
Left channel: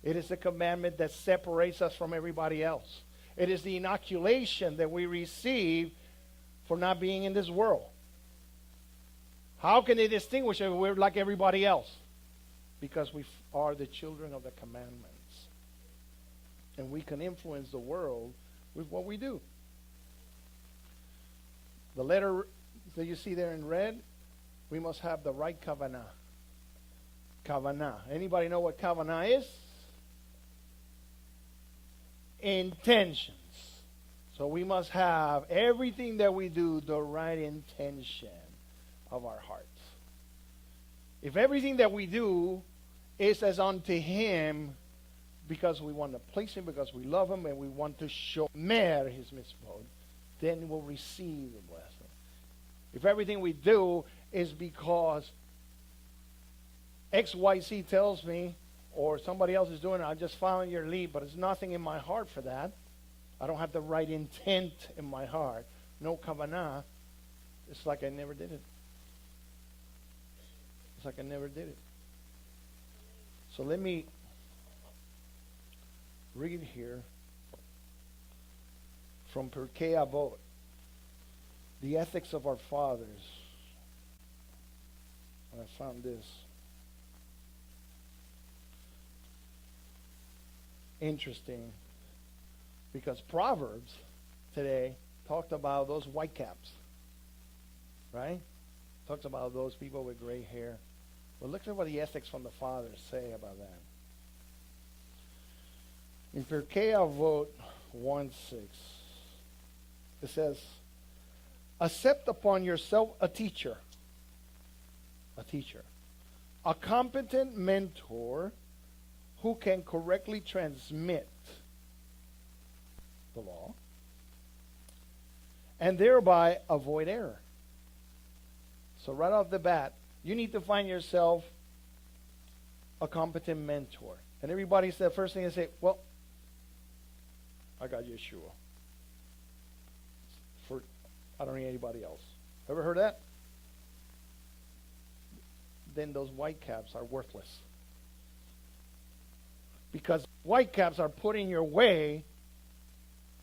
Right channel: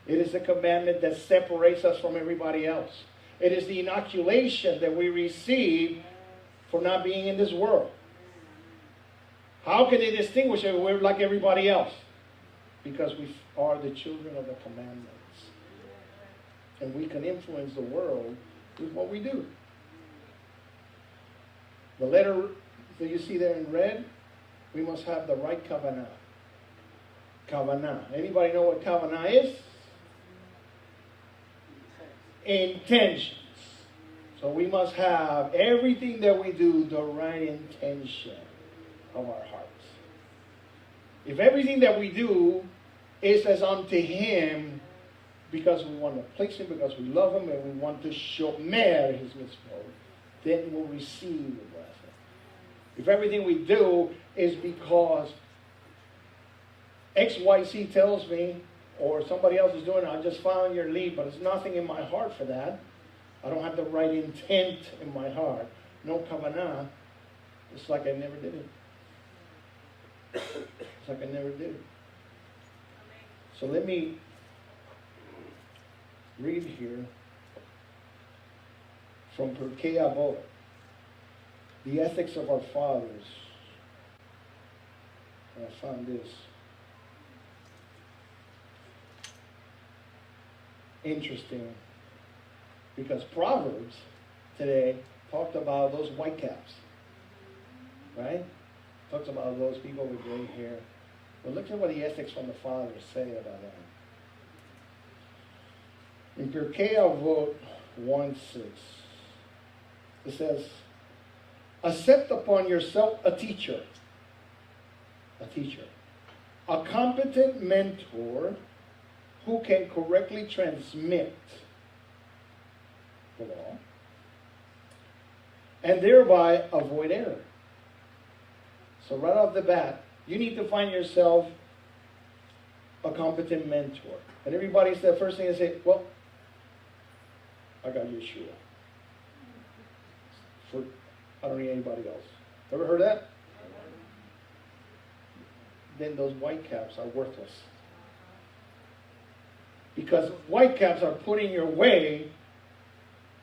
It is a commandment that separates us from everybody else. It is the inoculation that we receive for not being in this world. How can they distinguish if we're like everybody else? Because we are the children of the commandments. And we can influence the world with what we do. The letter that you see there in red, we must have the right kavanah. Kavanah. Anybody know what kavanah is? Intentions. So we must have everything that we do the right intention of our hearts. If everything that we do is as unto Him because we want to please Him, because we love Him, and we want to shomer His mitzvot, then we'll receive the blessing. If everything we do is because XYZ tells me, or somebody else is doing it, I just following your lead, but there's nothing in my heart for that. I don't have the right intent in my heart. No kavanah. It's like I never did it. It's like I never did it. So let me read here from Pirkei Avot, the ethics of our fathers. And I found this interesting because Proverbs today talked about those white caps, right? Talks about those people with gray hair. But look at what the ethics from the fathers say about them. In Pirkei Avot 1:6, it says, accept upon yourself a teacher, a competent mentor who can correctly transmit the law and thereby avoid error. So right off the bat, you need to find yourself a competent mentor. And everybody said, the first thing they say, well, I got Yeshua. I don't need anybody else. Ever heard that? Then those white caps are worthless. Because white caps are put in your way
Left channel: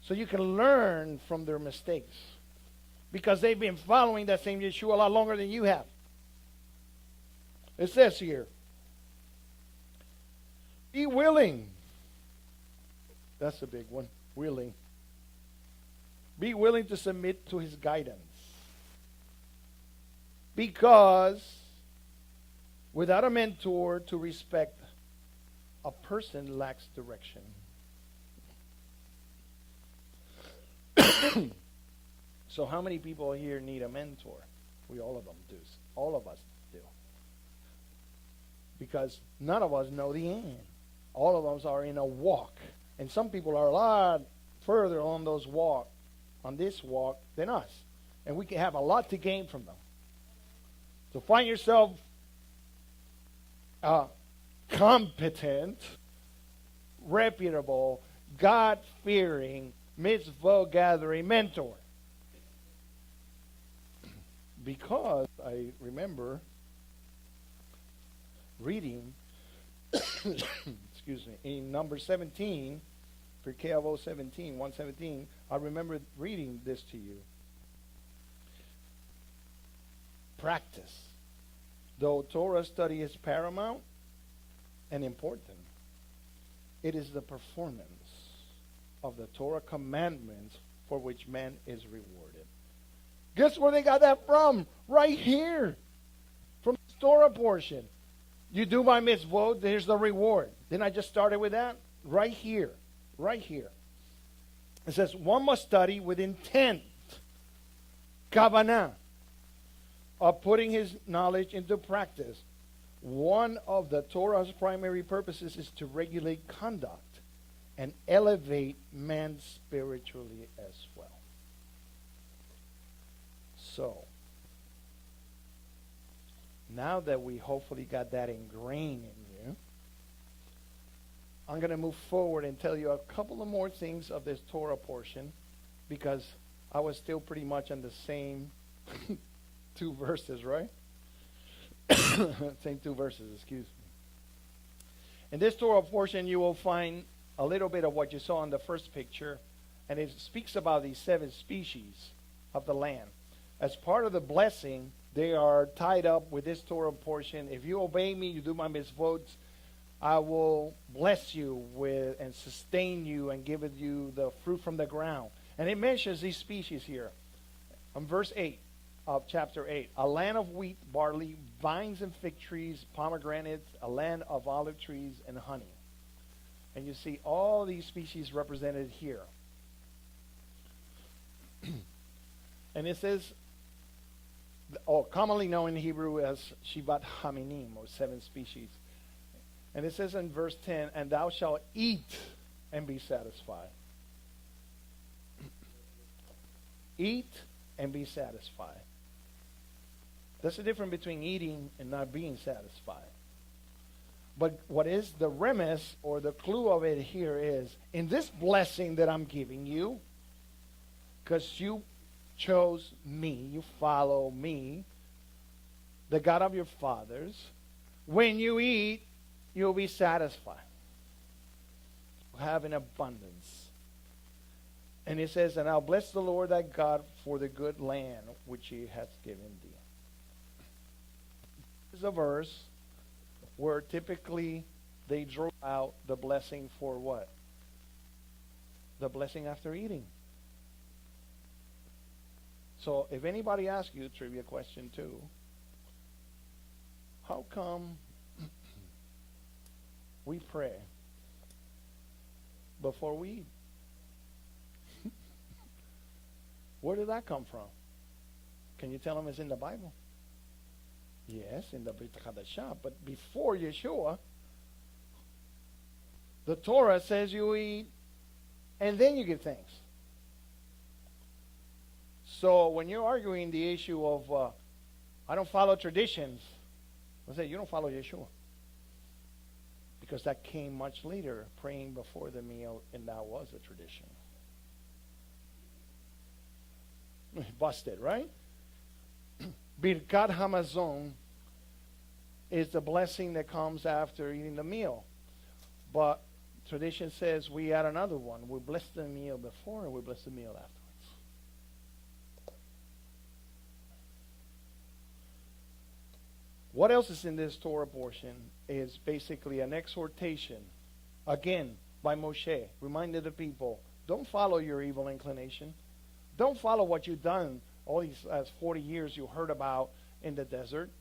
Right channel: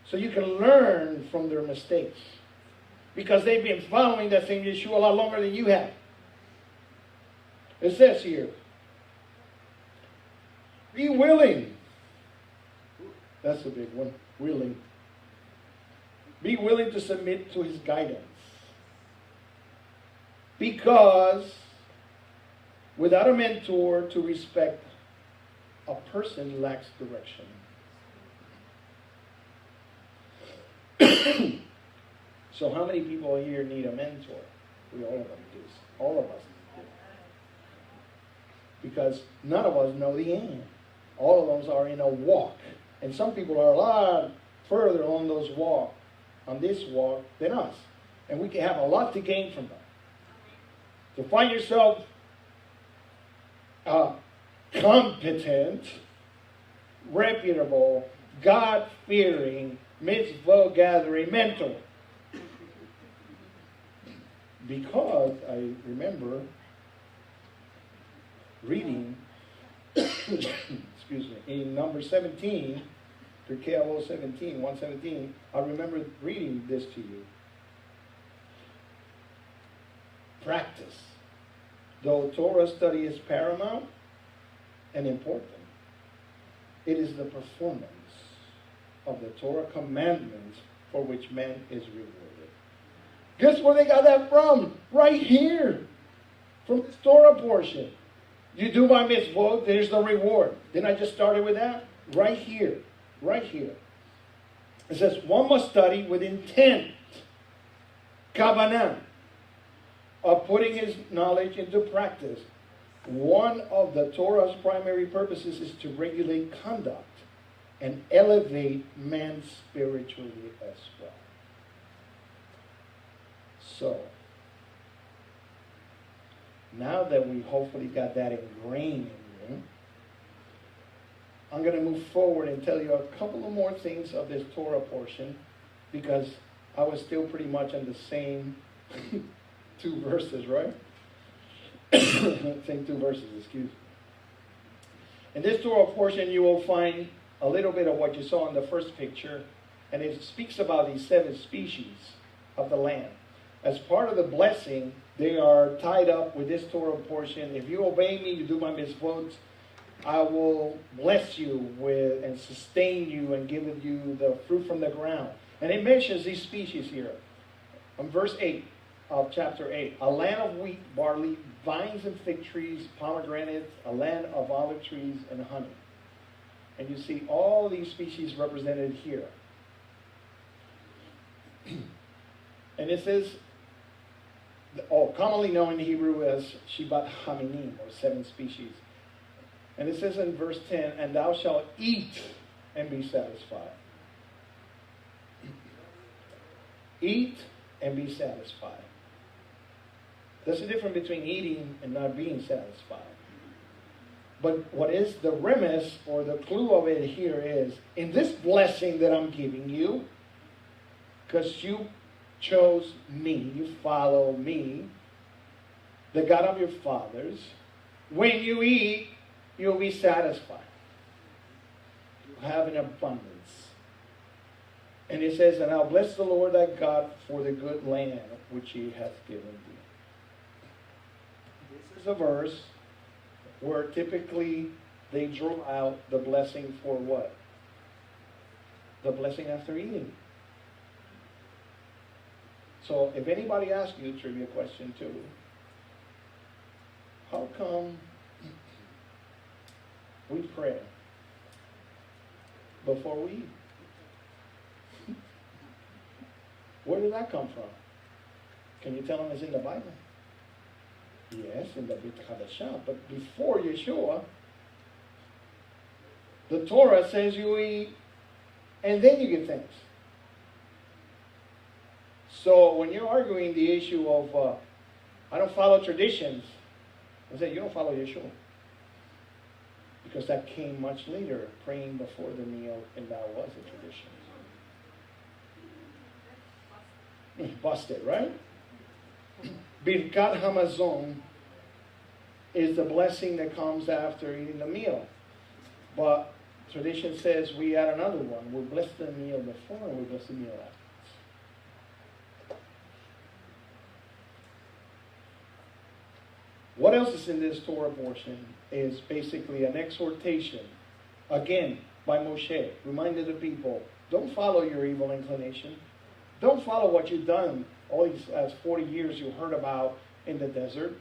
so you can learn from their mistakes. Because they've been following that same Yeshua a lot longer than you have. It says here, be willing. That's a big one. Willing. Be willing to submit to His guidance. Because without a mentor to respect, a person lacks direction. So how many people here need a mentor? We all of them do. All of us do. Because none of us know the end. All of us are in a walk. And some people are a lot further on this walk than us. And we can have a lot to gain from them. So find yourself a competent, reputable, God-fearing, mitzvah-gathering mentor. Because I remember reading, excuse me, in number 17, for KLO 17, 117, I remember reading this to you. Practice. Though Torah study is paramount and important, it is the performance of the Torah commandments for which man is rewarded. Guess where they got that from? Right here. From this Torah portion. You do my mitzvot, there's the reward. Then I just started with that? Right here. Right here. It says, one must study with intent. Kavanah. Of putting his knowledge into practice. One of the Torah's primary purposes is to regulate conduct and elevate man spiritually as well. So, now that we hopefully got that ingrained in you, I'm going to move forward and tell you a couple of more things of this Torah portion, because I was still pretty much in the same two verses, right? Same two verses, excuse me. In this Torah portion, you will find a little bit of what you saw in the first picture, and it speaks about these 7 species of the land. As part of the blessing, they are tied up with this Torah portion. If you obey me, you do my mitzvot, I will bless you with and sustain you and give you the fruit from the ground. And it mentions these species here. On verse 8 of chapter 8, a land of wheat, barley, vines and fig trees, pomegranates, a land of olive trees and honey. And you see all these species represented here. And it says, commonly known in Hebrew as Shivat Haminim, or 7 species. And it says in verse 10, and thou shalt eat and be satisfied. Eat and be satisfied. There's a difference between eating and not being satisfied. But what is the premise or the clue of it here is, in this blessing that I'm giving you, because you chose me, you follow me, the God of your fathers, when you eat, you'll be satisfied. You have an abundance. And it says, and I'll bless the Lord thy God for the good land which he hath given thee. This is a verse where typically they draw out the blessing for what? The blessing after eating. So if anybody asks you a trivia question too, how come we pray before we eat? Where did that come from? Can you tell them it's in the Bible? Yes, in the Brit Hadashah, but before Yeshua, the Torah says you eat and then you give thanks. So when you're arguing the issue of, I don't follow traditions, I say you don't follow Yeshua. Because that came much later, praying before the meal, and that was a tradition. It's busted, right? Birkat Hamazon is the blessing that comes after eating the meal. But tradition says we add another one. We bless the meal before and we bless the meal after. What else is in this Torah portion is basically an exhortation, again, by Moshe, reminded the people, don't follow your evil inclination. Don't follow what you've done all these last 40 years you heard about in the desert.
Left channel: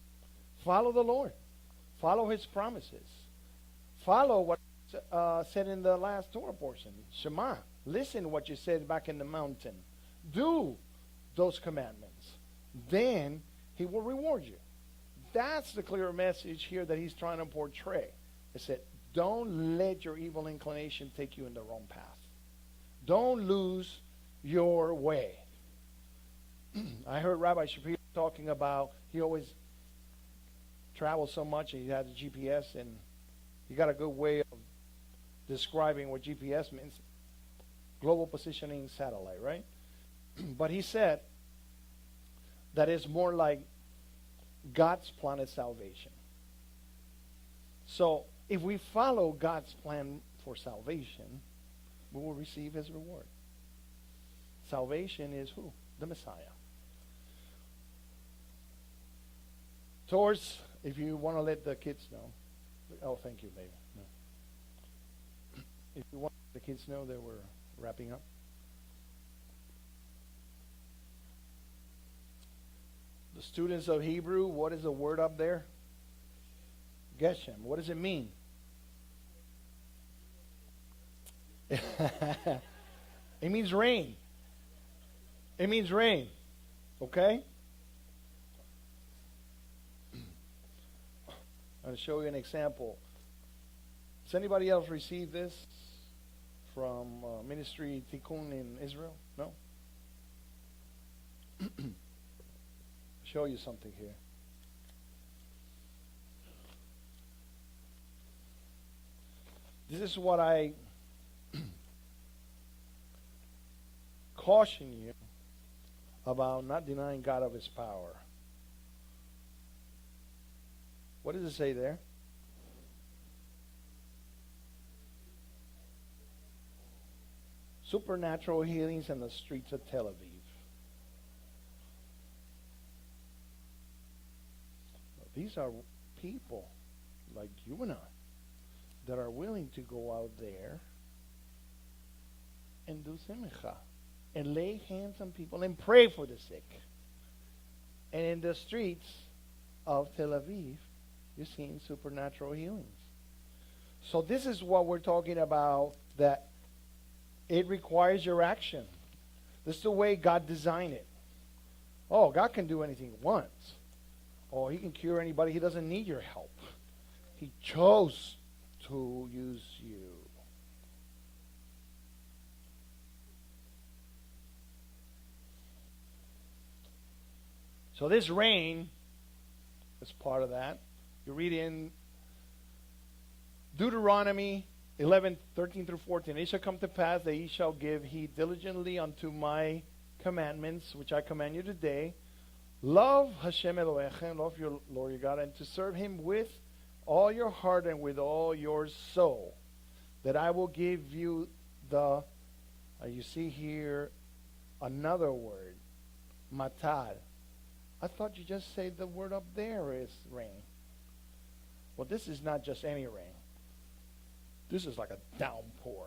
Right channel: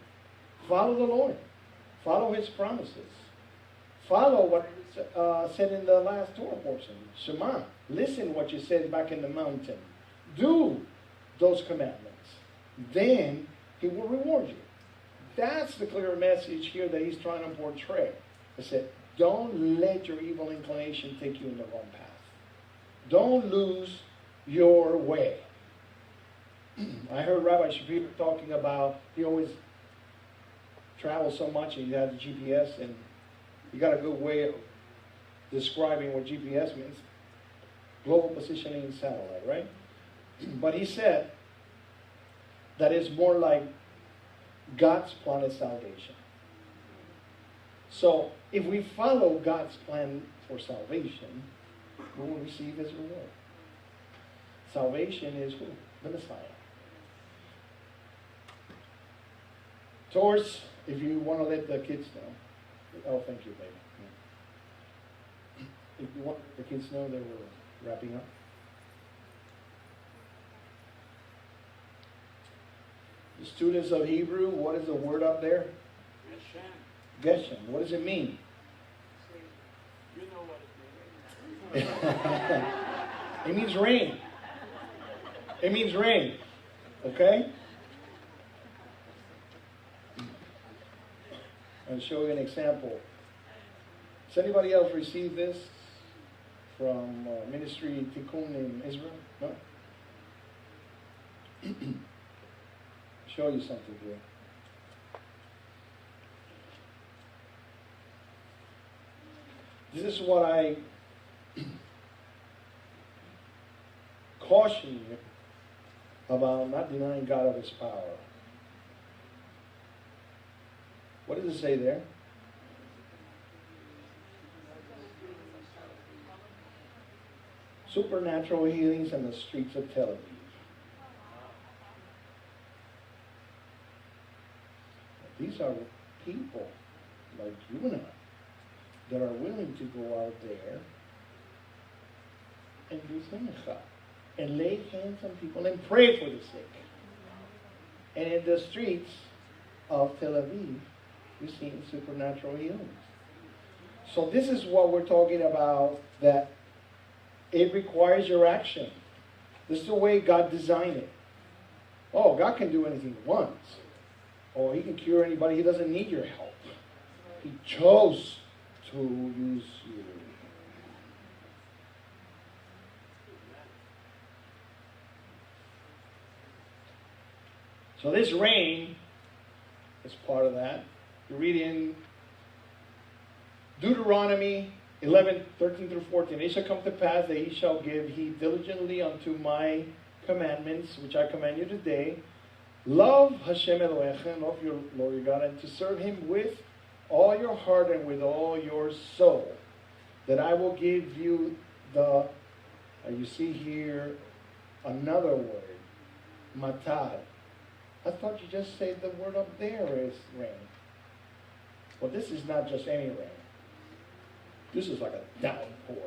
Follow the Lord. Follow his promises. Follow what said in the last Torah portion. Shema. Listen what you said back in the mountain. Do those commandments. Then he will reward you. That's the clear message here that he's trying to portray. He said, don't let your evil inclination take you in the wrong path. Don't lose your way. I heard Rabbi Shapiro talking about, he always traveled so much and he had a GPS, and You got a good way of describing what GPS means. Global Positioning Satellite, right? But he said that it's more like God's plan of salvation. So if we follow God's plan for salvation, we will receive his reward. Salvation is who? The Messiah. Towards, if you want to let the kids know. Oh, thank you, baby. If you want the kids to know that we're wrapping up. The students of Hebrew, what is the word up there? Geshem. What does it mean? You know what it means. It means rain. It means rain. Okay? I'll show you an example. Has anybody else received this from Ministry Tikkun in Israel? No? Show you something here. This is what I caution you about not denying God of his power. What does it say there? Supernatural healings in the streets of Tel Aviv. These are people like you and I that are willing to go out there and do simcha and lay hands on people and pray for the sick. And in the streets of Tel Aviv, we've seen supernatural healings. So this is what we're talking about, that it requires your action. This is the way God designed it. Oh, God can do anything he wants. Oh, he can cure anybody. He doesn't need your help. He chose to use you. So this rain is part of that. You read in Deuteronomy 11:13 through 14. It shall come to pass that ye shall give heed diligently unto my commandments, which I command you today. Love Hashem Elohechem, love your Lord your God, and to serve him with all your heart and with all your soul. That I will give you the, and you see here another word, matad. I thought you just said the word up there is rain. Well, this is not just any rain. This is like a downpour.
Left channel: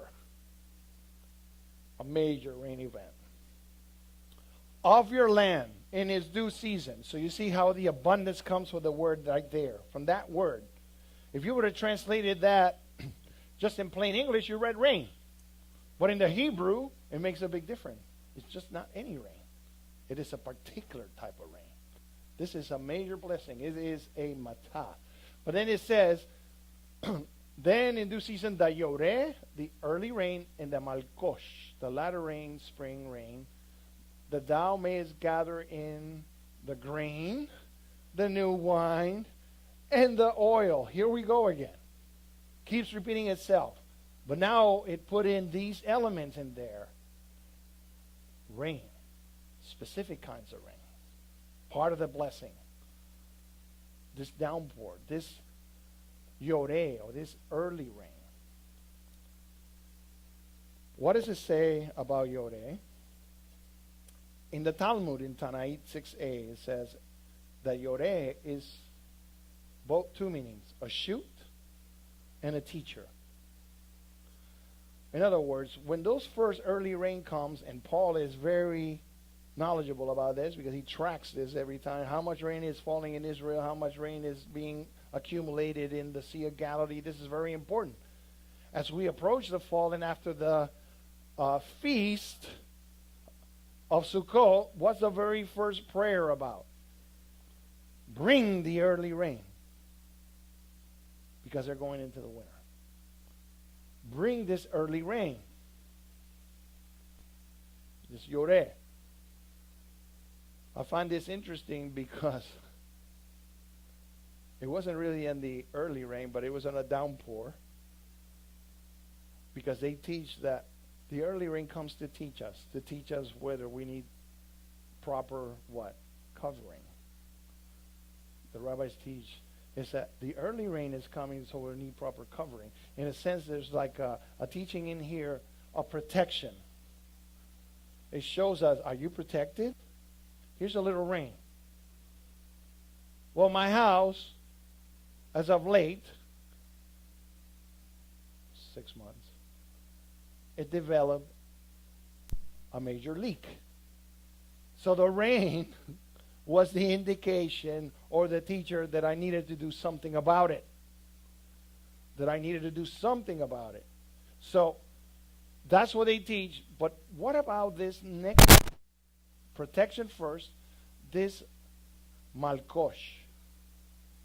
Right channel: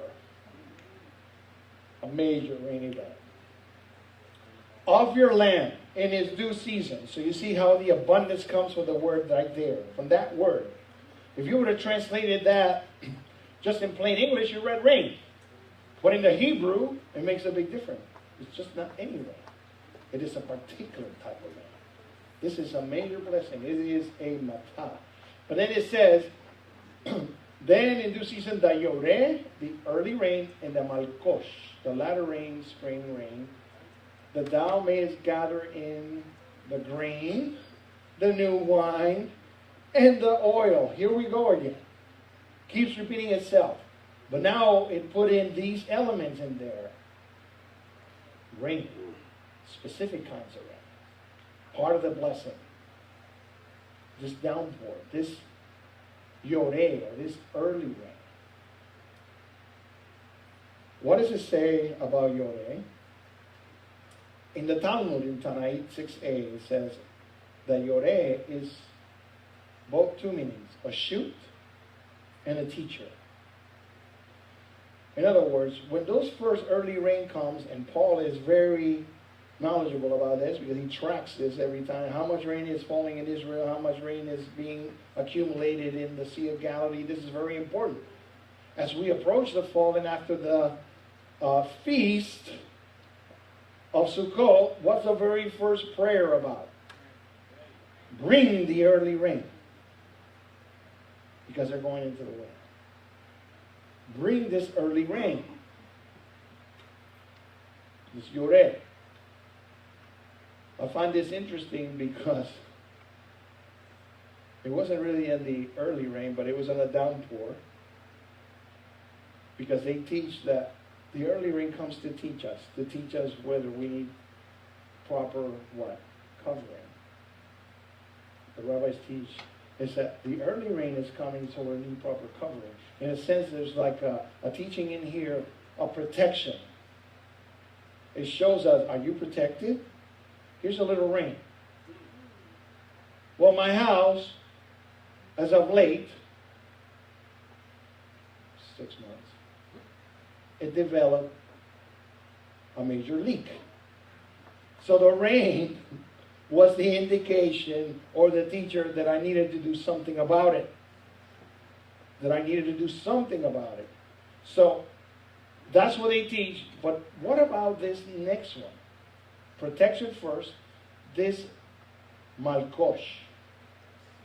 A major rain event. Of your land in its due season. So you see how the abundance comes from the word right there. From that word. If you would have translated that just in plain English, you read rain. But in the Hebrew, it makes a big difference. It's just not any rain. It is a particular type of rain. This is a major blessing. It is a matah. But then it says, then in due season, the yoreh, the early rain, and the malkosh, the latter rain, spring rain, that thou mayest gather in the grain, the new wine, and the oil. Here we go again. Keeps repeating itself. But now it put in these elements in there. Rain. Specific kinds of rain. Part of the blessing. This downpour. This yoreh, or this early rain. What does it say about yoreh? In the Talmud, in Tanait 6a, it says that yoreh is both two meanings, a shoot and a teacher. In other words, when those first early rain comes, and Paul is very knowledgeable about this because he tracks this every time, how much rain is falling in Israel, how much rain is being accumulated in the Sea of Galilee. This is very important. As we approach the fall and after the feast of Sukkot, what's the very first prayer about? Bring the early rain. Because they're going into the winter. Bring this early rain. This yoreh. I find this interesting because It wasn't really in the early rain, but it was in a downpour. Because they teach that the early rain comes to teach us whether we need proper what? Covering. The rabbis teach is that the early rain is coming, so we need proper covering. In a sense, there's like a teaching in here of protection. It shows us, are you protected? Here's a little rain. Well, my house, as of late, 6 months, it developed a major leak. So the rain was the indication or the teacher that I needed to do something about it. So that's what they teach. But what about this next one? Protection first. This malkosh,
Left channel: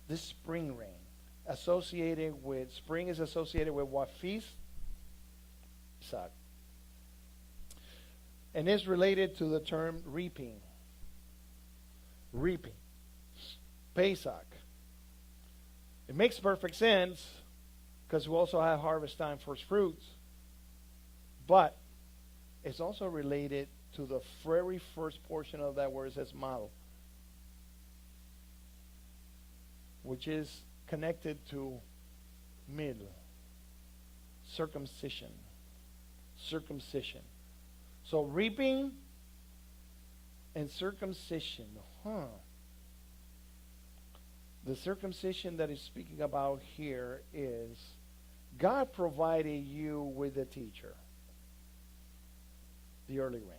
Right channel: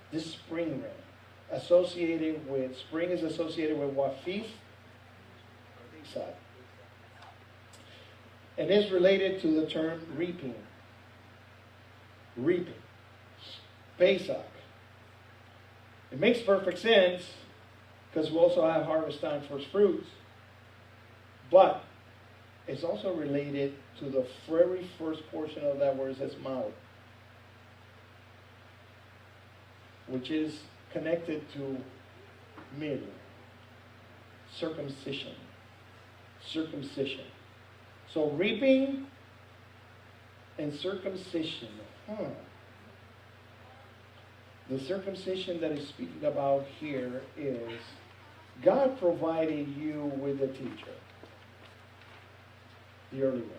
this spring rain, spring is associated with what feast? Pesach. And it's related to the term reaping. Pesach. It makes perfect sense because we also have harvest time first fruits. But it's also related to the very first portion of that word that says mouth, which is connected to mir, circumcision. So reaping and circumcision. The circumcision that is speaking about here is God provided you with a teacher, the early rain.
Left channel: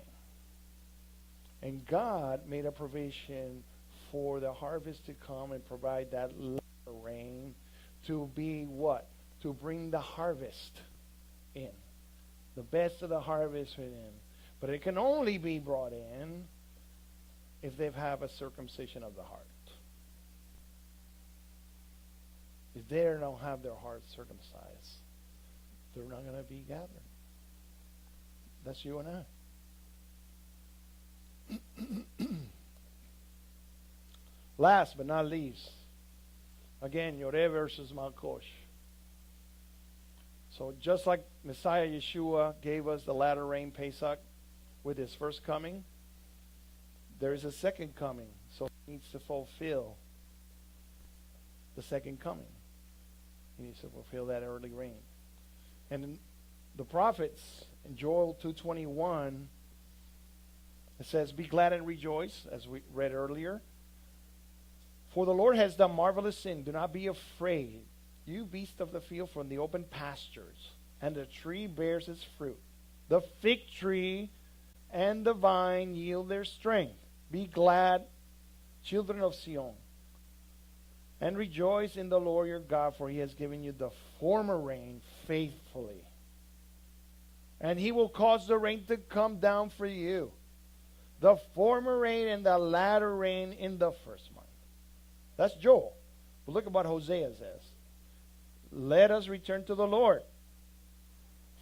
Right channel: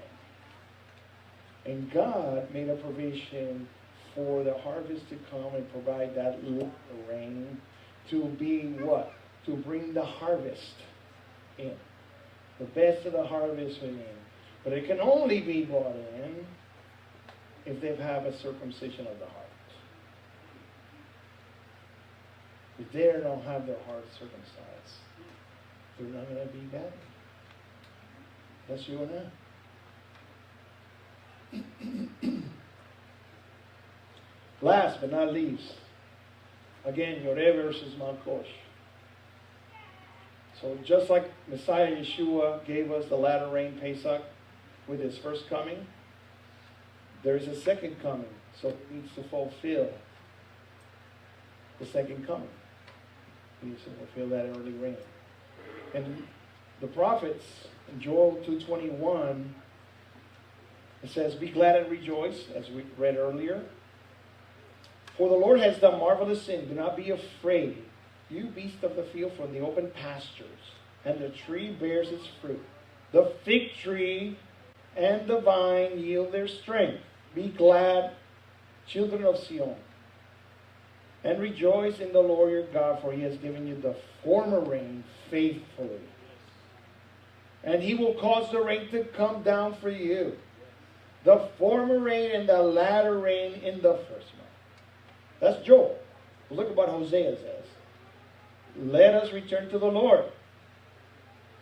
And God made a provision for the harvest to come and provide that little rain to be what? To bring the harvest in. The best of the harvest in. But it can only be brought in if they have a circumcision of the heart. If they don't have their heart circumcised, they're not going to be bad. That's you and I. Last but not least, again, Yoreh versus Malkosh. So just like Messiah Yeshua gave us the latter rain Pesach with his first coming, there's a second coming. So it needs to fulfill the second coming. It needs to fulfill that early rain. And the prophets, in Joel 2:21, it says, "Be glad and rejoice," as we read earlier. "For the Lord has done marvelous things. Do not be afraid, you beast of the field, from the open pastures, and the tree bears its fruit. The fig tree and the vine yield their strength. Be glad, children of Sion, and rejoice in the Lord your God, for he has given you the former rain faithfully. And he will cause the rain to come down for you, the former rain and the latter rain in the first month." That's Joel. Look at what Hosea says. "Let us return to the Lord,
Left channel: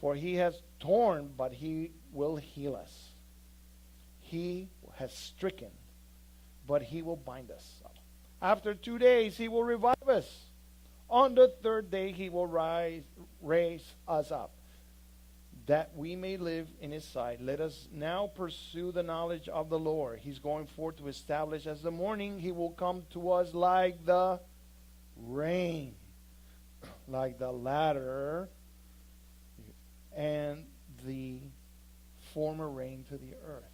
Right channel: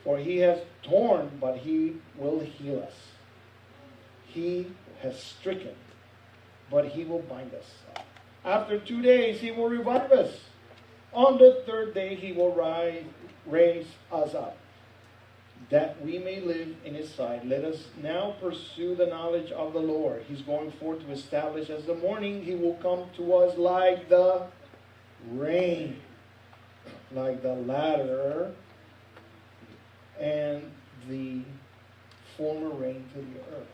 for he has torn, but he will heal us. He has stricken, but he will bind us up. After 2 days he will revive us. On the third day he will raise us up, that we may live in his sight. Let us now pursue the knowledge of the Lord. He's going forth to establish as the morning. He will come to us like the rain, like the latter and the former rain to the earth."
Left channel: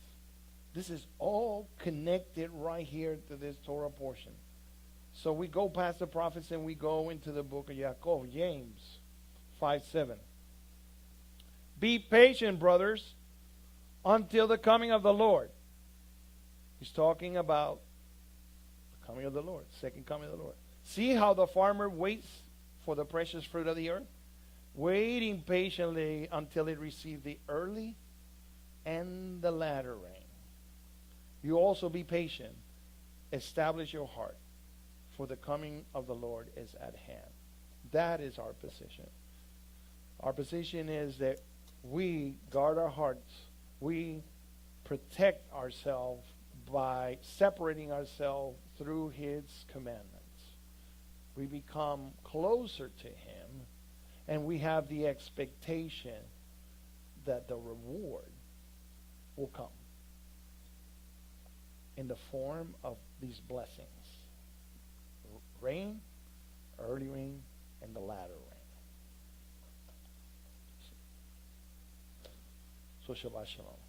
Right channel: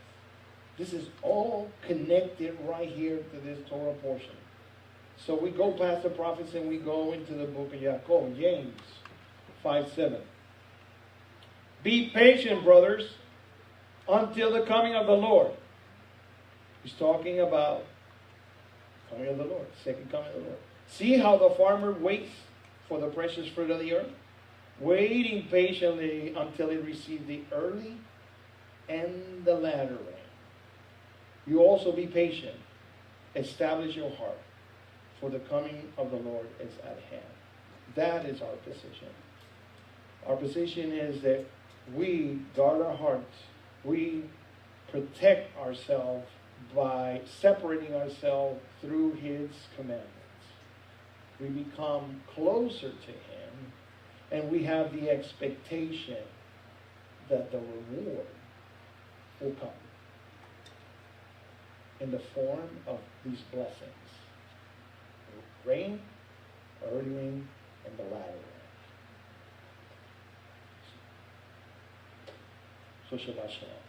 This is all connected right here to this Torah portion. So we go past the prophets and we go into the book of Yaakov, James 5:7. "Be patient, brothers, until the coming of the Lord." He's talking about coming of the Lord, second coming of the Lord. "See how the farmer waits for the precious fruit of the earth, waiting patiently until it receives the early and the latter rain. You also be patient. Establish your heart, for the coming of the Lord is at hand." That is our position. Our position is that we guard our hearts. We protect ourselves by separating ourselves through his commandments. we become closer to Him, and we have the expectation that the reward will come in the form of these blessings. Rain, early rain, and the latter rain. So Shabbat Shalom.